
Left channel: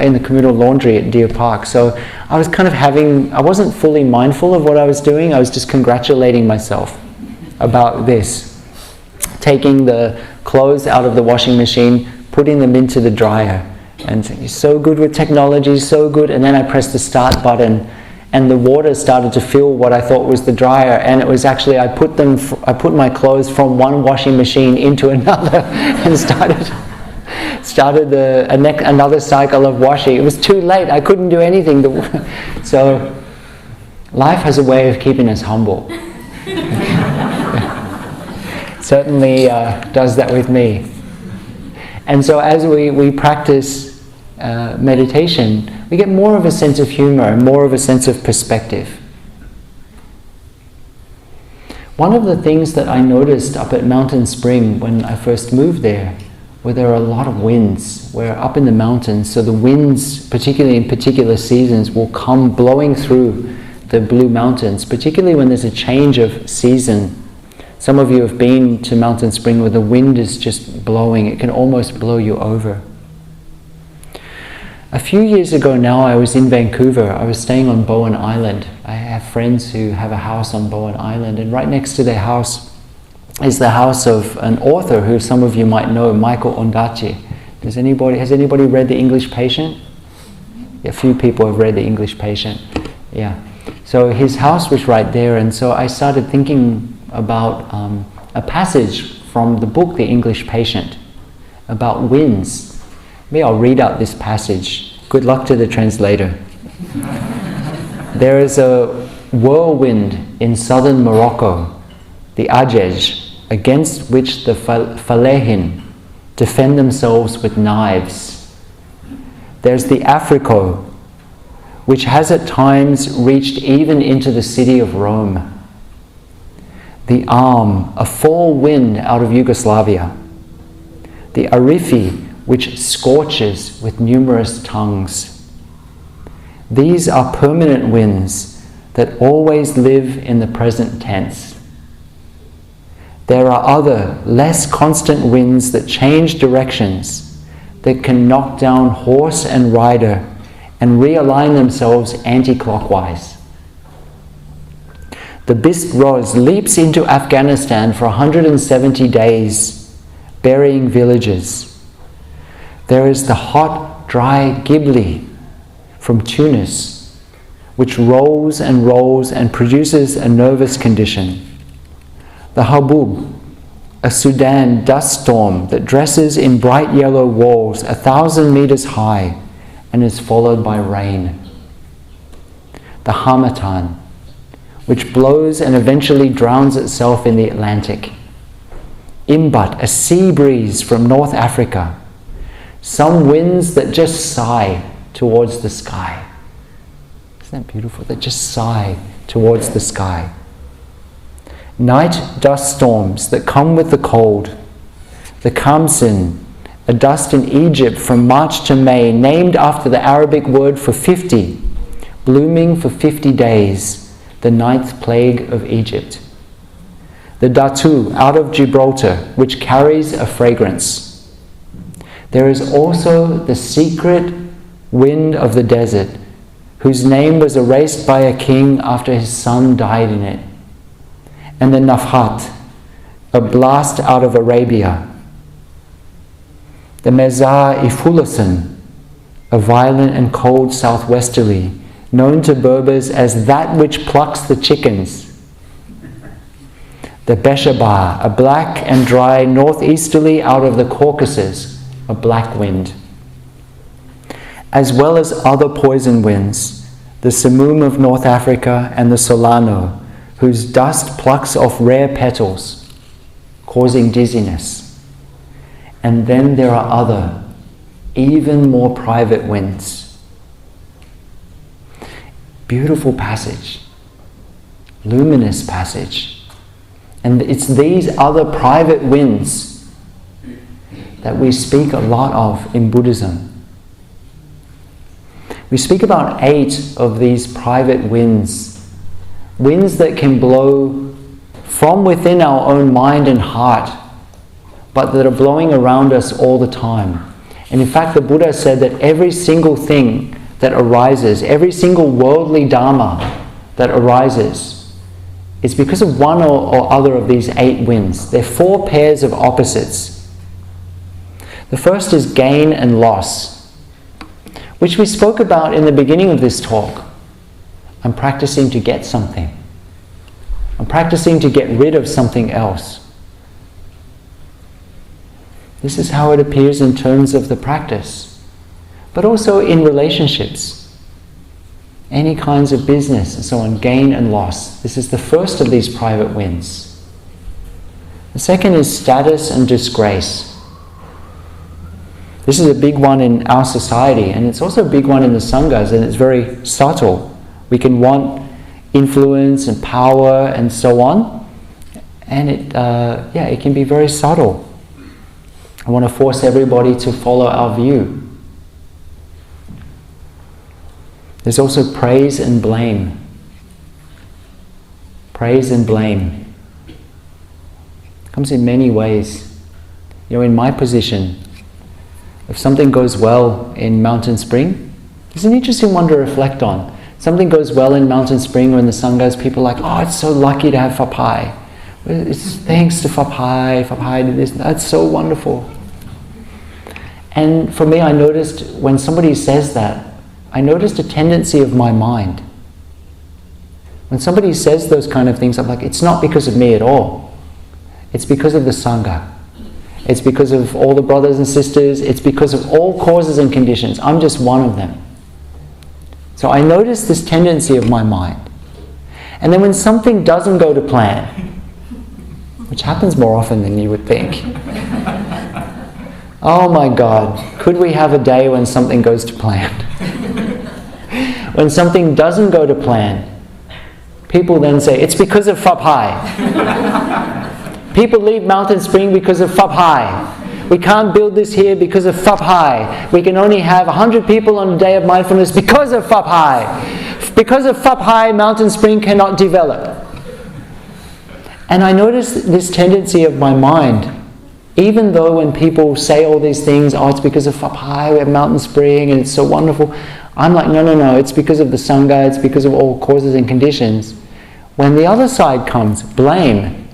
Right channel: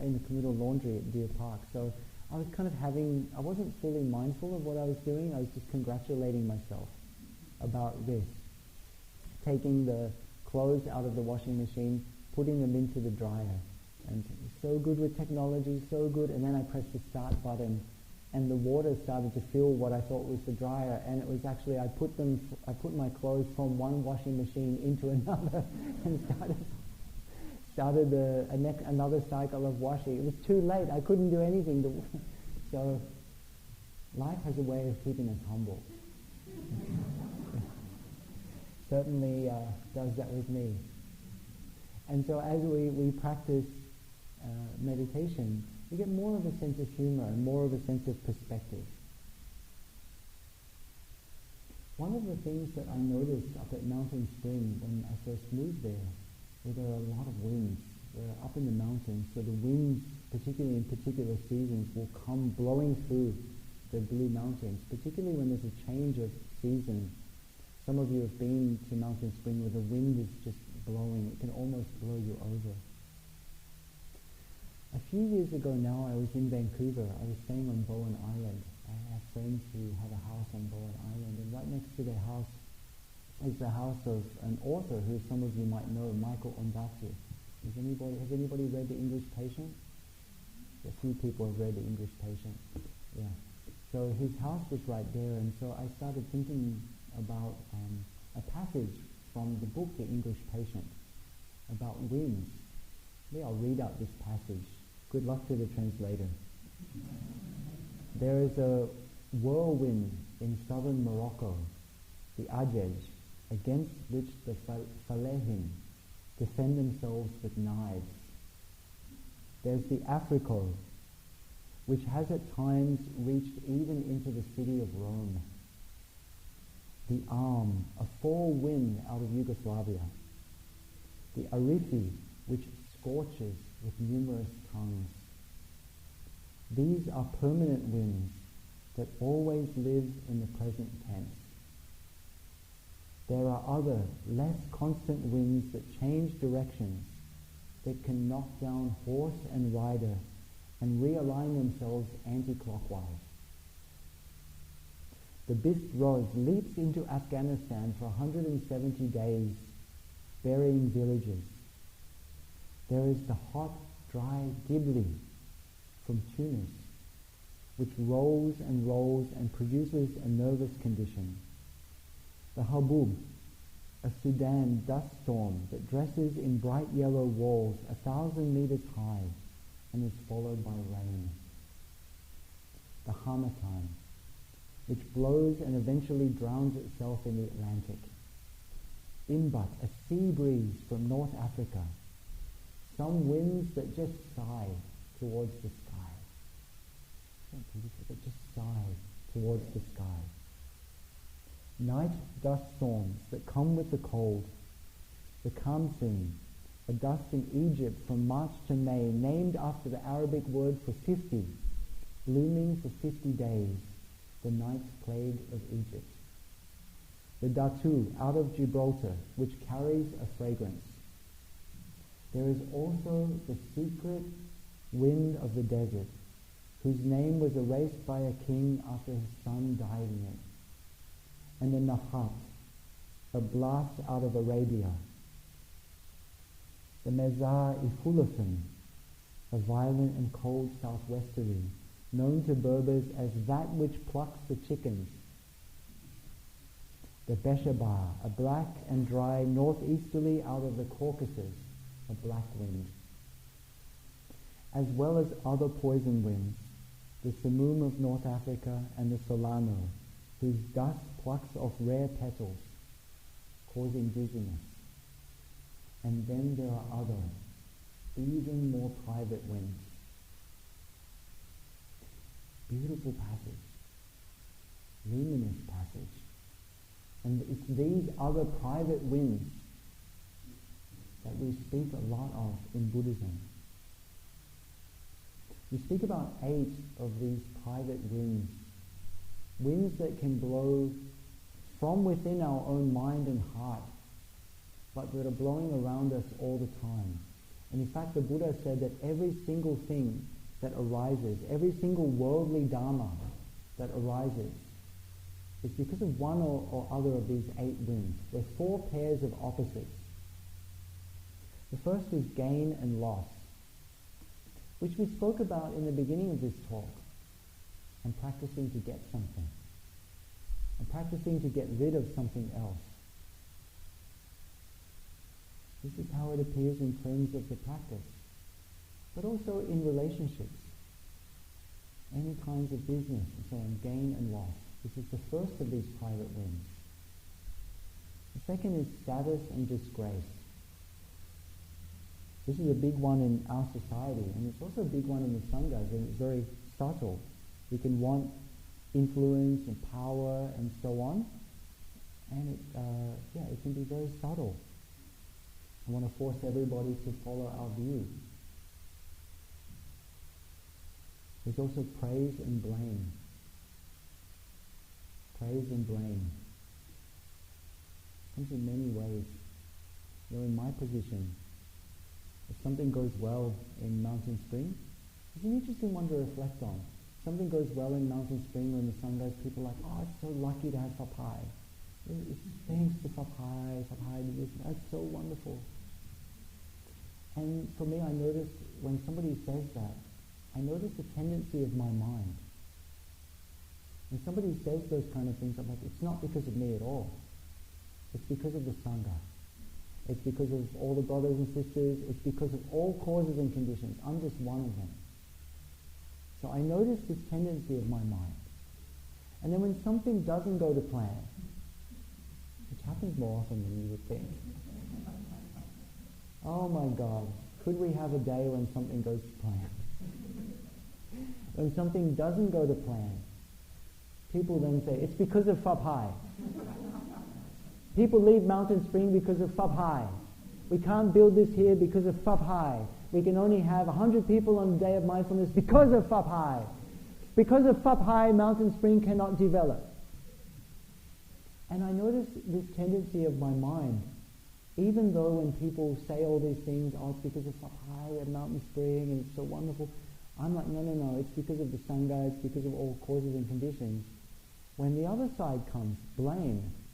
in the communal laundry at Deer Park. So I was kind of I wasn't fully mindful of what I was doing. I was just congratulating myself about this. Taking the clothes out of the washing machine, putting them into the dryer, and saying, you're so good with technology, so good. And then I pressed the start button, and the water started to fill what I thought was the dryer, and it was actually, I put my clothes from one washing machine into another and started another cycle of washing. It was too late, I couldn't do anything. So life has a way of keeping us humble. Certainly does that with me. And so as we practice meditation, we get more of a sense of humor and more of a sense of perspective. One of the things that I noticed up at Mountain Spring when I first moved there, where there are a lot of winds, we're up in the mountains, so the winds, particularly in particular seasons, will come blowing through the Blue Mountains, particularly when there's a change of season. Some of you have been to Mountain Spring where the wind is just blowing. It can almost blow you over. A few years ago now, I was in Vancouver. I was staying on Bowen Island. I have friends who have a house on Bowen Island, and right next to their house is the house of an author who some of you might know, Michael Ondaatje. Has anybody read The English Patient? A few people have read The English Patient. Yeah. So his house was right there, and so I started thinking about a passage from the book The English Patient about winds. Maybe I'll read out this passage. Good luck to the translator. There is a whirlwind in southern Morocco, the Ajej, against which the Falehin defend themselves with knives. There's the Africo, which has at times reached even into the city of Rome. The Arm, a fall wind out of Yugoslavia. The Arifi, which scorches with numerous tongues. These are permanent winds that always live in the present tense. There are other, less constant winds that change directions, that can knock down horse and rider and realign themselves anti-clockwise. The Bist Roz leaps into Afghanistan for 170 days, burying villages. There is the hot, dry Ghibli from Tunis, which rolls and produces a nervous condition. The Habub, a Sudan dust storm that dresses in bright yellow walls 1,000 meters high and is followed by rain. The Hamatan, which blows and eventually drowns itself in the Atlantic. Imbat, a sea breeze from North Africa. Some winds that just sigh towards the sky. Isn't that beautiful? That just sigh towards the sky. Night dust storms that come with the cold. The Kamsin, a dust in Egypt from March to May, named after the Arabic word for 50, blooming for 50 days, the 9th plague of Egypt. The Datu, out of Gibraltar, which carries a fragrance. There is also the secret wind of the desert, whose name was erased by a king after his son died in it. And the Nafhat, a blast out of Arabia. The Mezar Ifulasan, a violent and cold southwesterly, known to Berbers as that which plucks the chickens. The Beshabar, a black and dry northeasterly out of the Caucasus, a black wind. As well as other poison winds, the Samum of North Africa and the Solano, whose dust plucks off rare petals, causing dizziness. And then there are other, even more private winds. Beautiful passage, luminous passage. And it's these other private winds that we speak a lot of in Buddhism. We speak about 8 of these private winds, winds that can blow from within our own mind and heart, but that are blowing around us all the time. And in fact, the Buddha said that every single thing that arises, every single worldly Dharma that arises, is because of one or other of these 8 winds. They're 4 pairs of opposites. The first is gain and loss, which we spoke about in the beginning of this talk. I'm practicing to get something. I'm practicing to get rid of something else. This is how it appears in terms of the practice, but also in relationships. Any kinds of business and so on, gain and loss. This is the first of these private winds. The second is status and disgrace. This is a big one in our society, and it's also a big one in the Sanghas, and it's very subtle. We can want influence and power and so on, and it can be very subtle. I want to force everybody to follow our view. There's also praise and blame. Praise and blame. It comes in many ways. In my position, if something goes well in Mountain Spring, it's an interesting one to reflect on. Something goes well in Mountain Spring or in the Sanghas, people are like, oh, it's so lucky to have Phap. It's thanks to Phap. Phap did this. That's so wonderful. And for me, I noticed when somebody says that, I noticed a tendency of my mind. When somebody says those kind of things, I'm like, it's not because of me at all. It's because of the Sangha. It's because of all the brothers and sisters. It's because of all causes and conditions. I'm just one of them. So I noticed this tendency of my mind. And then when something doesn't go to plan, which happens more often than you would think, oh my God, could we have a day when something goes to plan? When something doesn't go to plan, people then say, it's because of Phap. People leave Mountain Spring because of Phap. We can't build this here because of Phap. We can only have 100 people on a day of mindfulness because of Phap. Because of Phap, Mountain Spring cannot develop. And I noticed this tendency of my mind, even though when people say all these things, oh, it's because of Phap, we have Mountain Spring and it's so wonderful, I'm like, no, it's because of the Sangha, it's because of all causes and conditions. When the other side comes, blame,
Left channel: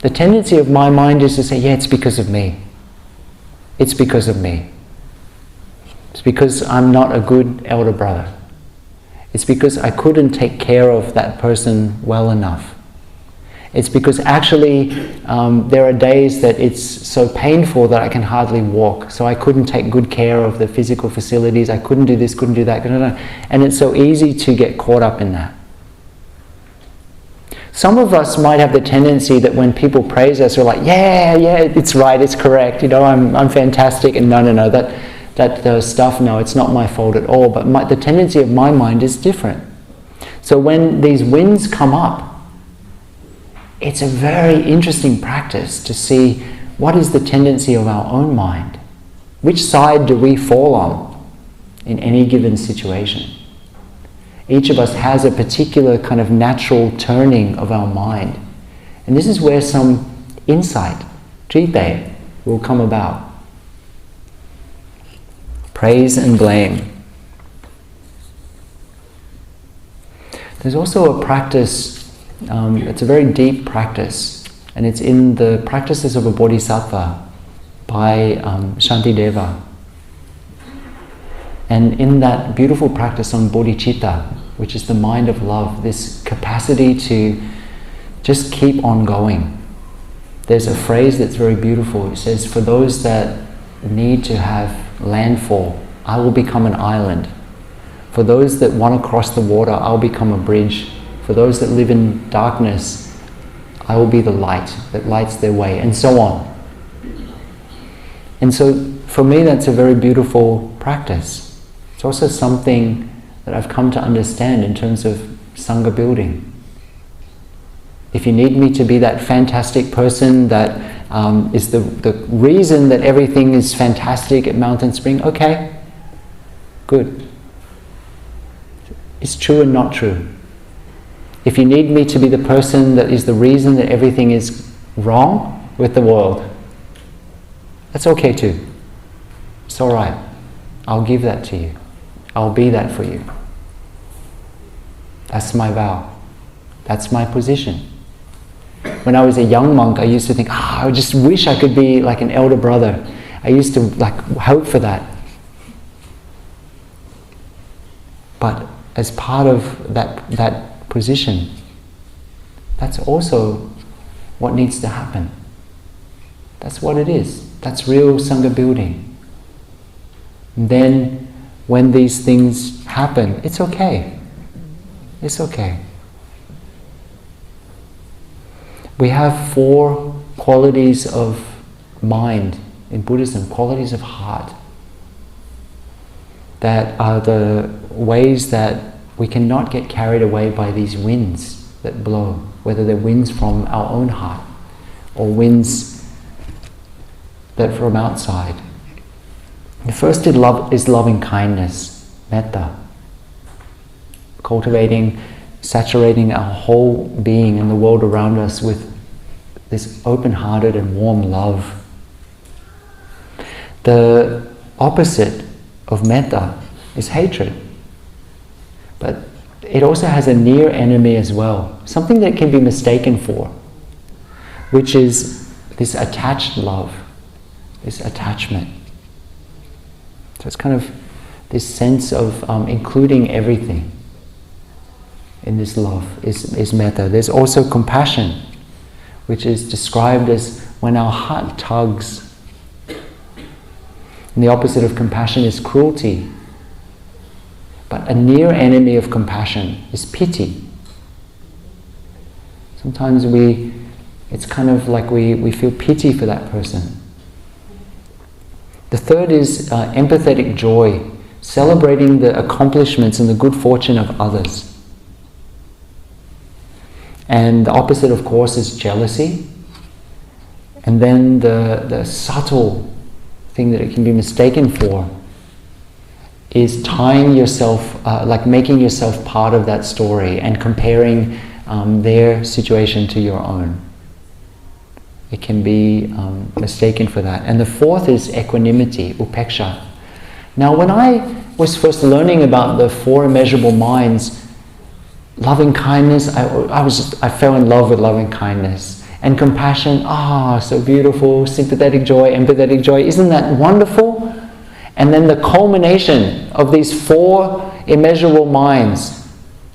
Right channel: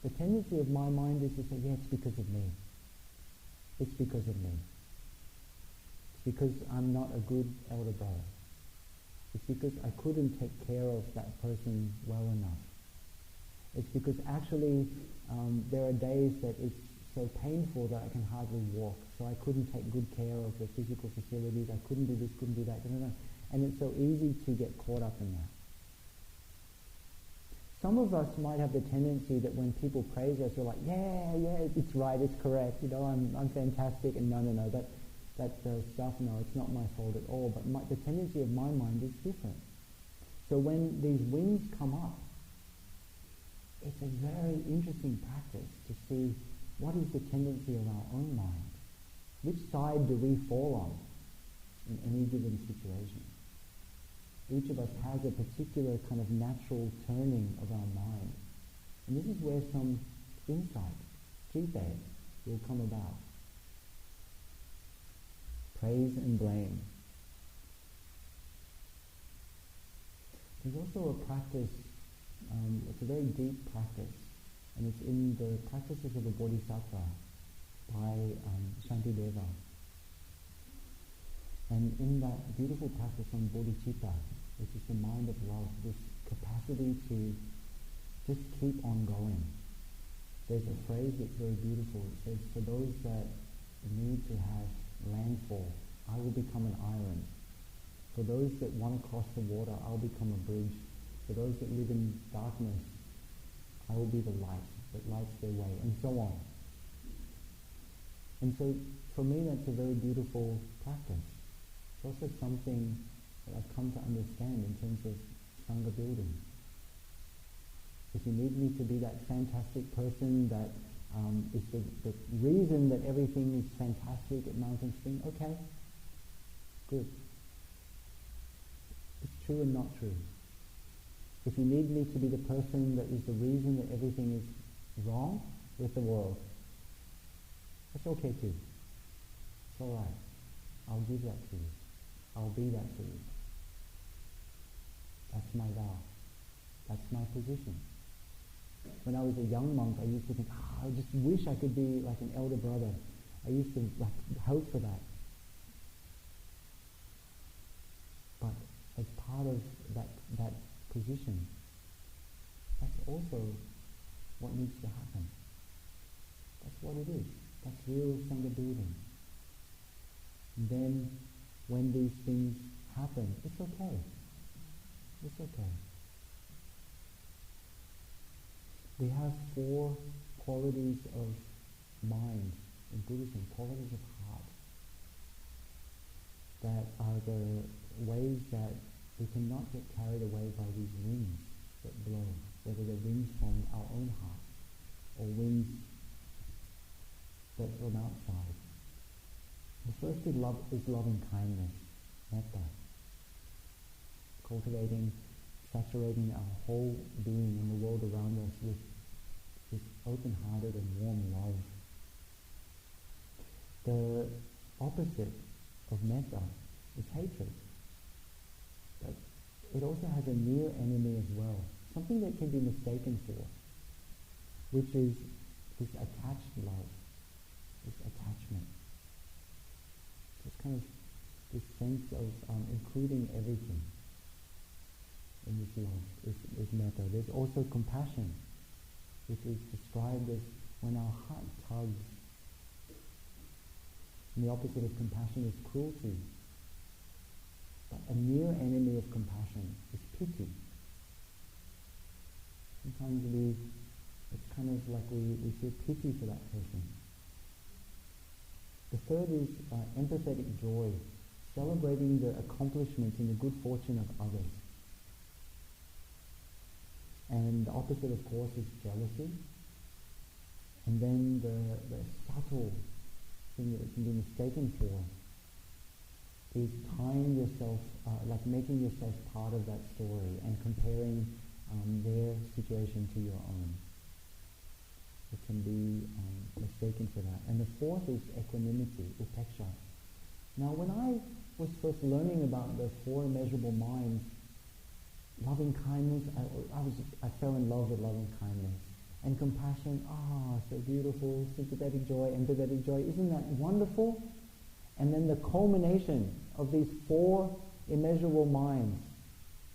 the tendency of my mind is to say, yeah, it's because of me. It's because of me. It's because I'm not a good elder brother. It's because I couldn't take care of that person well enough. It's because actually there are days that it's so painful that I can hardly walk, so I couldn't take good care of the physical facilities, I couldn't do this, couldn't do that, and it's so easy to get caught up in that. Some of us might have the tendency that when people praise us, we're like, yeah, it's right, it's correct, I'm fantastic, and no, that stuff, no, it's not my fault at all. But the tendency of my mind is different. So when these winds come up, it's a very interesting practice to see what is the tendency of our own mind. Which side do we fall on in any given situation? Each of us has a particular kind of natural turning of our mind. And this is where some insight, jite, will come about. Praise and blame. There's also a practice, it's a very deep practice, and it's in the Practices of a Bodhisattva by Shantideva. And in that beautiful practice on bodhicitta, which is the mind of love, this capacity to just keep on going. There's a phrase that's very beautiful. It says, for those that need to have landfall, I will become an island. For those that want to cross the water, I'll become a bridge. For those that live in darkness, I will be the light that lights their way, and so on. And so for me, that's a very beautiful practice. It's also something that I've come to understand in terms of Sangha building. If you need me to be that fantastic person that is the reason that everything is fantastic at Mountain Spring, okay, good. It's true and not true. If you need me to be the person that is the reason that everything is wrong with the world, that's okay too. It's all right. I'll give that to you. I'll be that for you. That's my vow. That's my position. When I was a young monk, I used to think, I just wish I could be like an elder brother. I used to hope for that. But as part of that position, that's also what needs to happen. That's what it is. That's real Sangha building. And then when these things happen, it's okay. It's okay. We have 4 qualities of mind in Buddhism, qualities of heart, that are the ways that we cannot get carried away by these winds that blow, whether they're winds from our own heart or winds that from outside. The first is loving kindness, metta. Cultivating, saturating our whole being and the world around us with this open-hearted and warm love. The opposite of metta is hatred. But it also has a near enemy as well, something that can be mistaken for, which is this attached love, this attachment. So it's kind of this sense of including everything in this love is metta. There's also compassion, which is described as when our heart tugs. And the opposite of compassion is cruelty. But a near enemy of compassion is pity. Sometimes it's kind of like we feel pity for that person. The third is empathetic joy, celebrating the accomplishments and the good fortune of others. And the opposite, of course, is jealousy. And then the subtle thing that it can be mistaken for is tying yourself, like making yourself part of that story and comparing their situation to your own. It can be mistaken for that. And the fourth is equanimity, upeksha. Now, when I was first learning about the four immeasurable minds, loving kindness, I fell in love with loving kindness. And compassion, so beautiful, sympathetic joy, empathetic joy, isn't that wonderful? And then the culmination of these four immeasurable minds,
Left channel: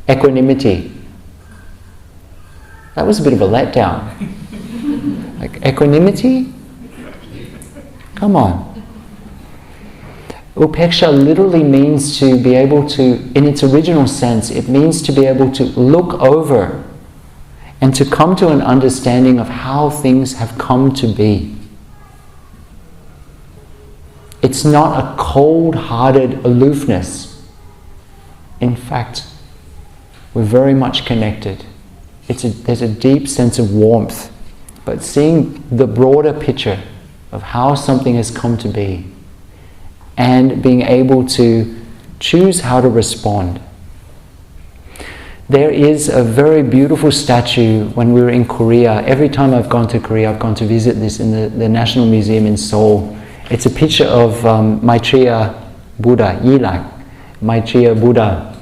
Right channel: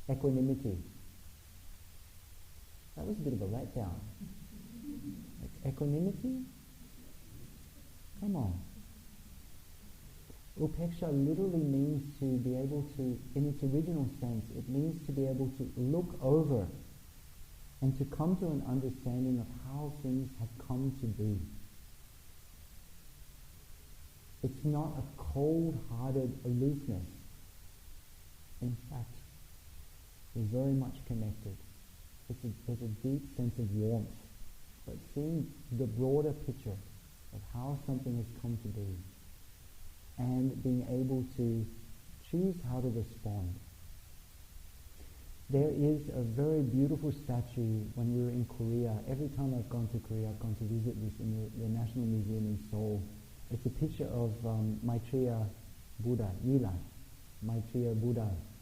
equanimity. That was a bit of a letdown. Like equanimity? Come on. Upeksha literally means to be able to, in its original sense, it means to be able to look over and to come to an understanding of how things have come to be. It's not a cold-hearted aloofness. In fact, we're very much connected. There's a deep sense of warmth, but seeing the broader picture of how something has come to be and being able to choose how to respond. There is a very beautiful statue when we were in Korea. Every time I've gone to Korea, I've gone to visit this in the National Museum in Seoul. It's a picture of Maitreya Buddha, Yilak, Maitreya Buddha,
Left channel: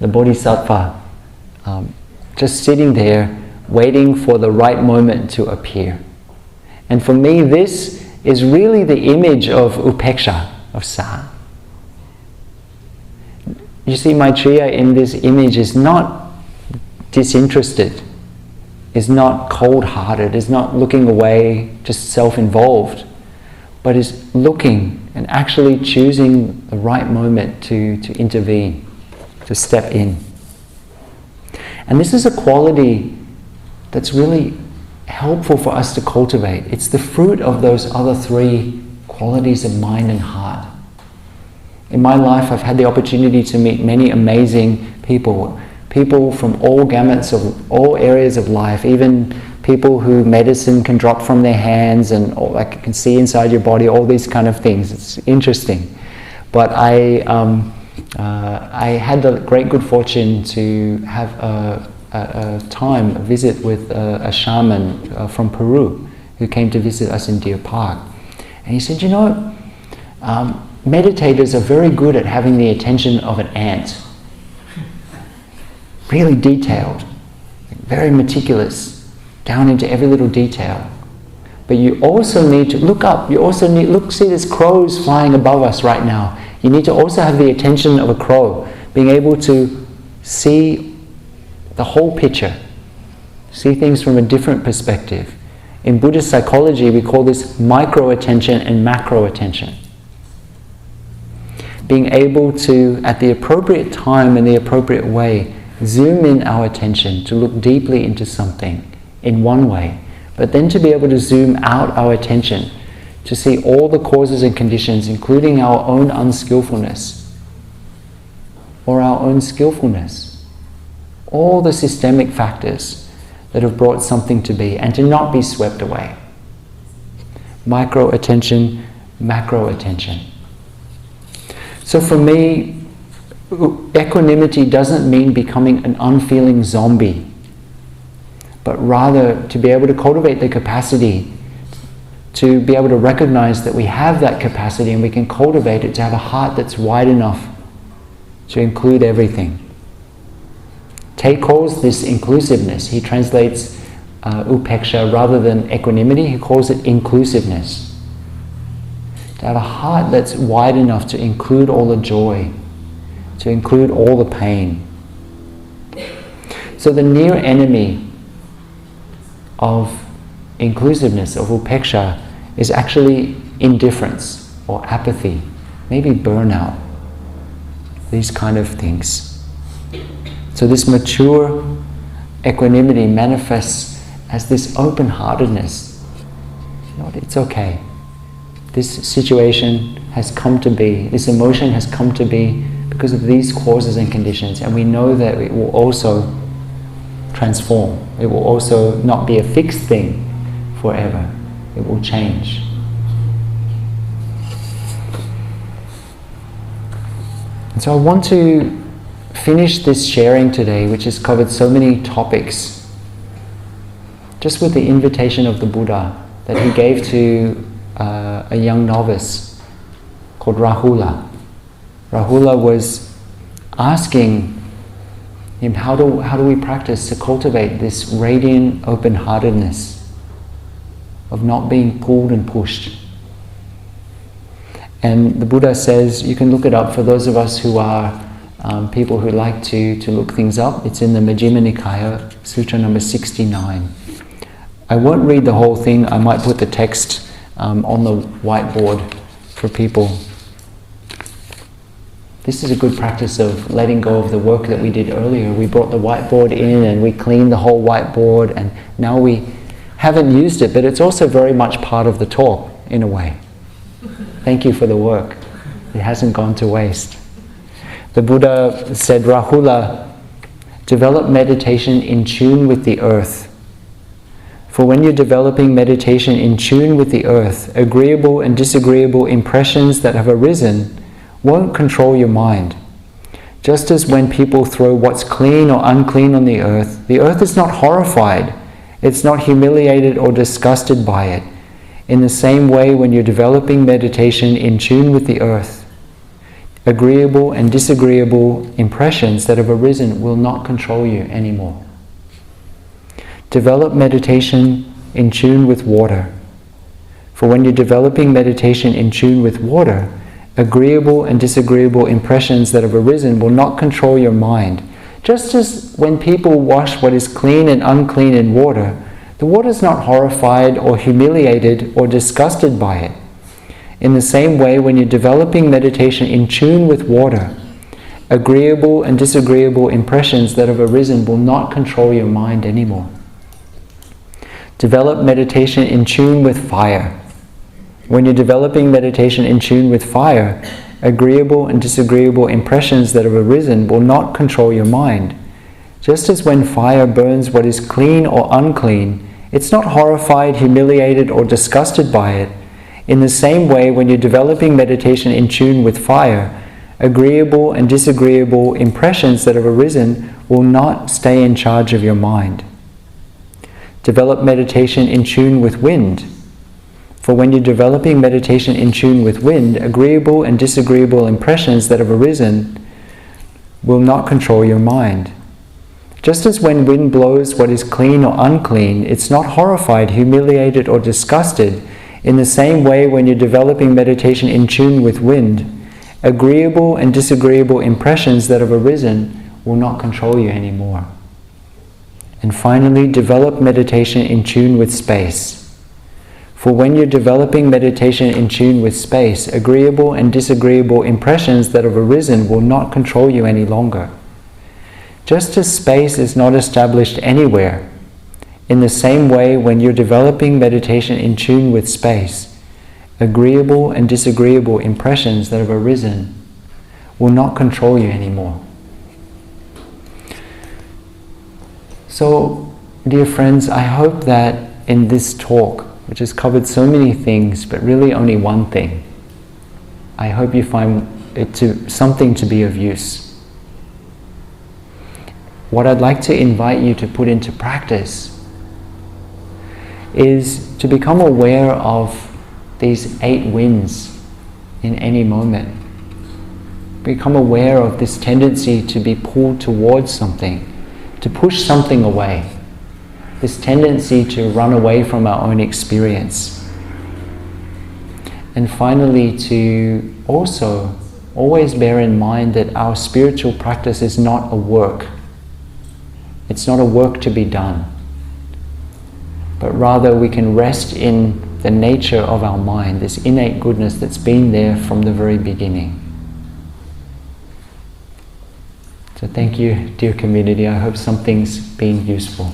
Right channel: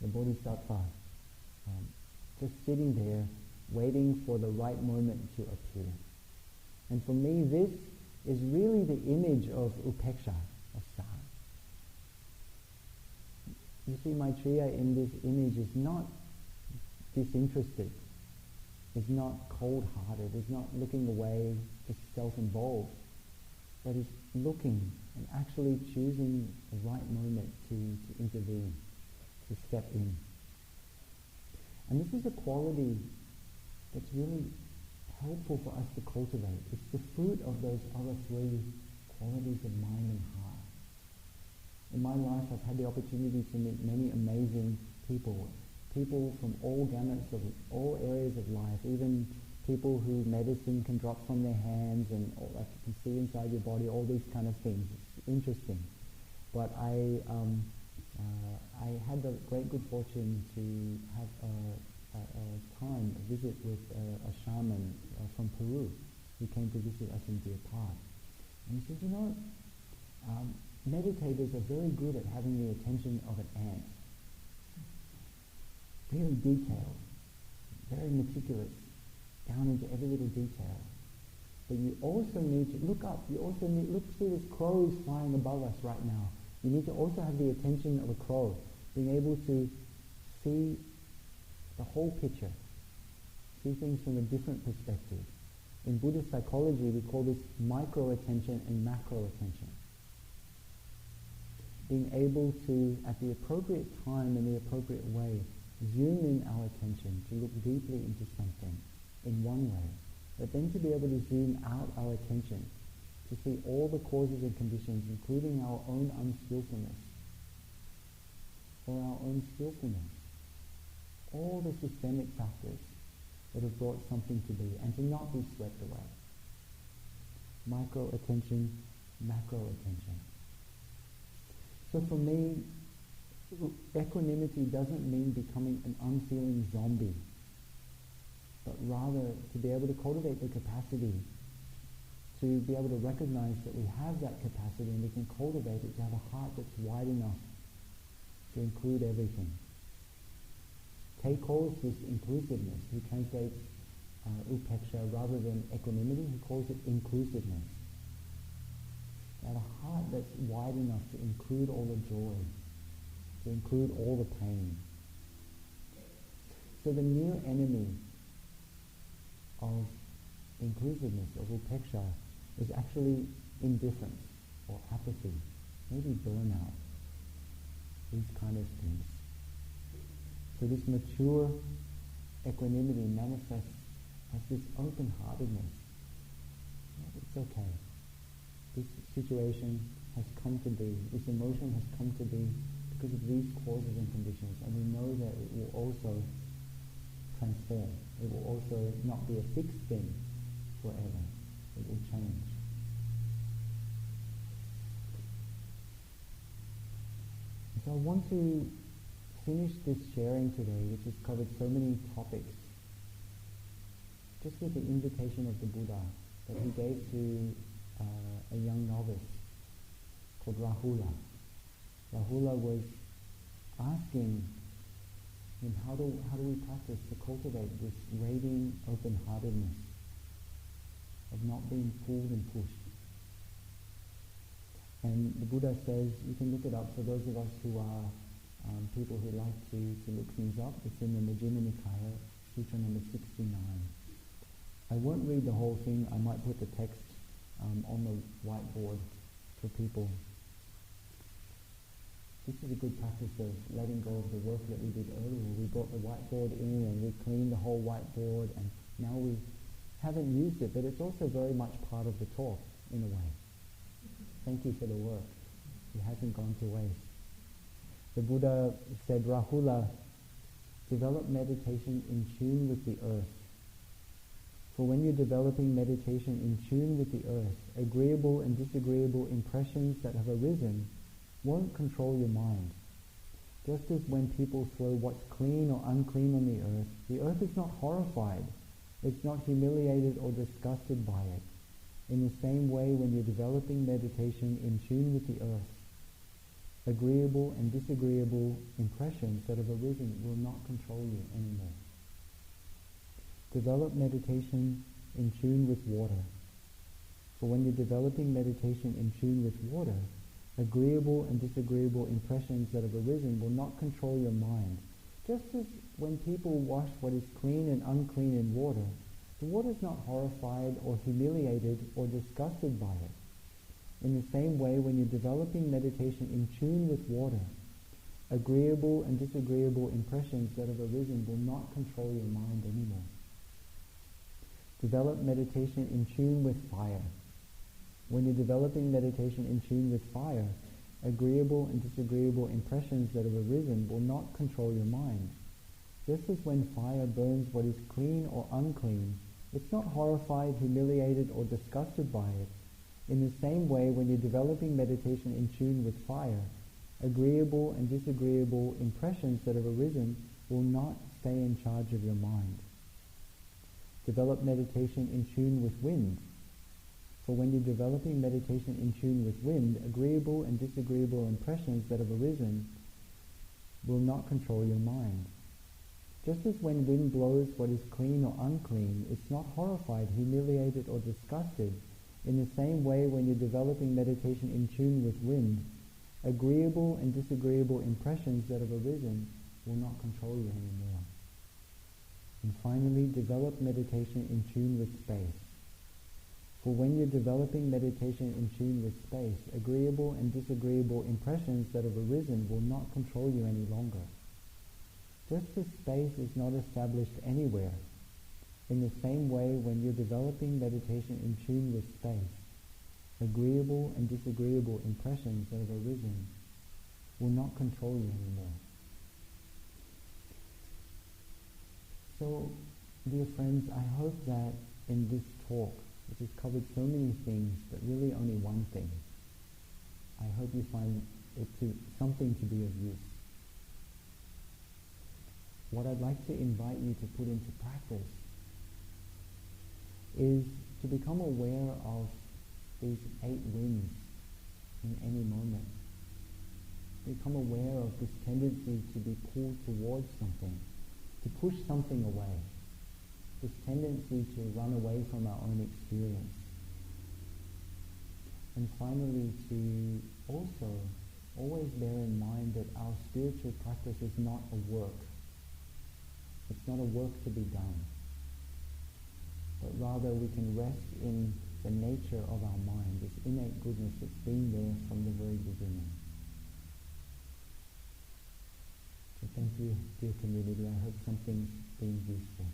the Bodhisattva, just sitting there waiting for the right moment to appear. And for me, this is really the image of upeksha, of sa. You see, Maitreya in this image is not disinterested, is not cold-hearted, is not looking away, just self-involved, but is looking and actually choosing the right moment to intervene, to step in. And this is a quality that's really helpful for us to cultivate. It's the fruit of those other three qualities of mind and heart. In my life, I've had the opportunity to meet many amazing people from all gamuts of all areas of life, even people who medicine can drop from their hands and like can see inside your body, all these kind of things. It's interesting. But I had the great good fortune to have a visit with a shaman from Peru who came to visit us in Deer Park. And he said, meditators are very good at having the attention of an ant. Really detailed, very meticulous, down into every little detail. But you also need to look up. You also need, see there's crows flying above us right now. You need to also have the attention of a crow, being able to see the whole picture, see things from a different perspective. In Buddhist psychology, we call this micro-attention and macro-attention. Being able to, at the appropriate time and the appropriate way, zoom in our attention to look deeply into something in one way, but then to be able to zoom out our attention to see all the causes and conditions, including our own unskillfulness or our own skillfulness, all the systemic factors that have brought something to be, and to not be swept away. Micro-attention, macro-attention. So for me, equanimity doesn't mean becoming an unfeeling zombie, but rather to be able to cultivate the capacity to be able to recognize that we have that capacity and we can cultivate it to have a heart that's wide enough to include everything. Te calls this inclusiveness. He translates upeksha rather than equanimity, he calls it inclusiveness. To have a heart that's wide enough to include all the joy, to include all the pain. So the near enemy of inclusiveness, of upeksha, is actually indifference or apathy, maybe burnout, these kind of things. So this mature equanimity manifests as this open-heartedness. You know, it's okay. This situation has come to be, this emotion has come to be because of these causes and conditions, and we know that it will also transform. It will also not be a fixed thing forever. It will change. And so I want to finish this sharing today, which has covered so many topics, just with the invitation of the Buddha that he gave to a young novice called Rahula. Rahula was asking him, how do we practice to cultivate this radiant open-heartedness of not being pulled and pushed? And the Buddha says, you can look it up for those of us who are people who like to look things up. It's in the Majjhima Nikaya, Sutra number 69. I won't read the whole thing. I might put the text on the whiteboard for people. This is a good practice of letting go of the work that we did earlier. We brought the whiteboard in and we cleaned the whole whiteboard, and now we haven't used it, but it's also very much part of the talk in a way. Thank you for the work. It hasn't gone to waste. The Buddha said, Rahula, develop meditation in tune with the earth. For when you're developing meditation in tune with the earth, agreeable and disagreeable impressions that have arisen won't control your mind. Just as when people throw what's clean or unclean on the earth is not horrified, it's not humiliated or disgusted by it. In the same way, when you're developing meditation in tune with the earth, agreeable and disagreeable impressions that have arisen will not control you anymore. Develop meditation in tune with water. For when you're developing meditation in tune with water, agreeable and disagreeable impressions that have arisen will not control your mind. Just as when people wash what is clean and unclean in water, the water is not horrified or humiliated or disgusted by it. In the same way, when you're developing meditation in tune with water, agreeable and disagreeable impressions that have arisen will not control your mind anymore. Develop meditation in tune with fire. When you're developing meditation in tune with fire, agreeable and disagreeable impressions that have arisen will not control your mind. Just as when fire burns what is clean or unclean, it's not horrified, humiliated, or disgusted by it. In the same way, when you're developing meditation in tune with fire, agreeable and disagreeable impressions that have arisen will not stay in charge of your mind. Develop meditation in tune with wind. For when you're developing meditation in tune with wind, agreeable and disagreeable impressions that have arisen will not control your mind. Just as when wind blows what is clean or unclean, it's not horrified, humiliated, or disgusted. In the same way, when you're developing meditation in tune with wind, agreeable and disagreeable impressions that have arisen will not control you anymore. And finally, develop meditation in tune with space. For when you're developing meditation in tune with space, agreeable and disagreeable impressions that have arisen will not control you any longer. Just as space is not established anywhere, in the same way, when you're developing meditation in tune with space, agreeable and disagreeable impressions that have arisen will not control you anymore. So, dear friends, I hope that in this talk, which has covered so many things, but really only one thing, I hope you find it something to be of use. What I'd like to invite you to put into practice is to become aware of these 8 winds in any moment. Become aware of this tendency to be pulled towards something, to push something away. This tendency to run away from our own experience. And finally, to also always bear in mind that our spiritual practice is not a work. It's not a work to be done. But rather we can rest in the nature of our mind, this innate goodness that's been there from the very beginning. So thank you, dear community. I hope something's been useful.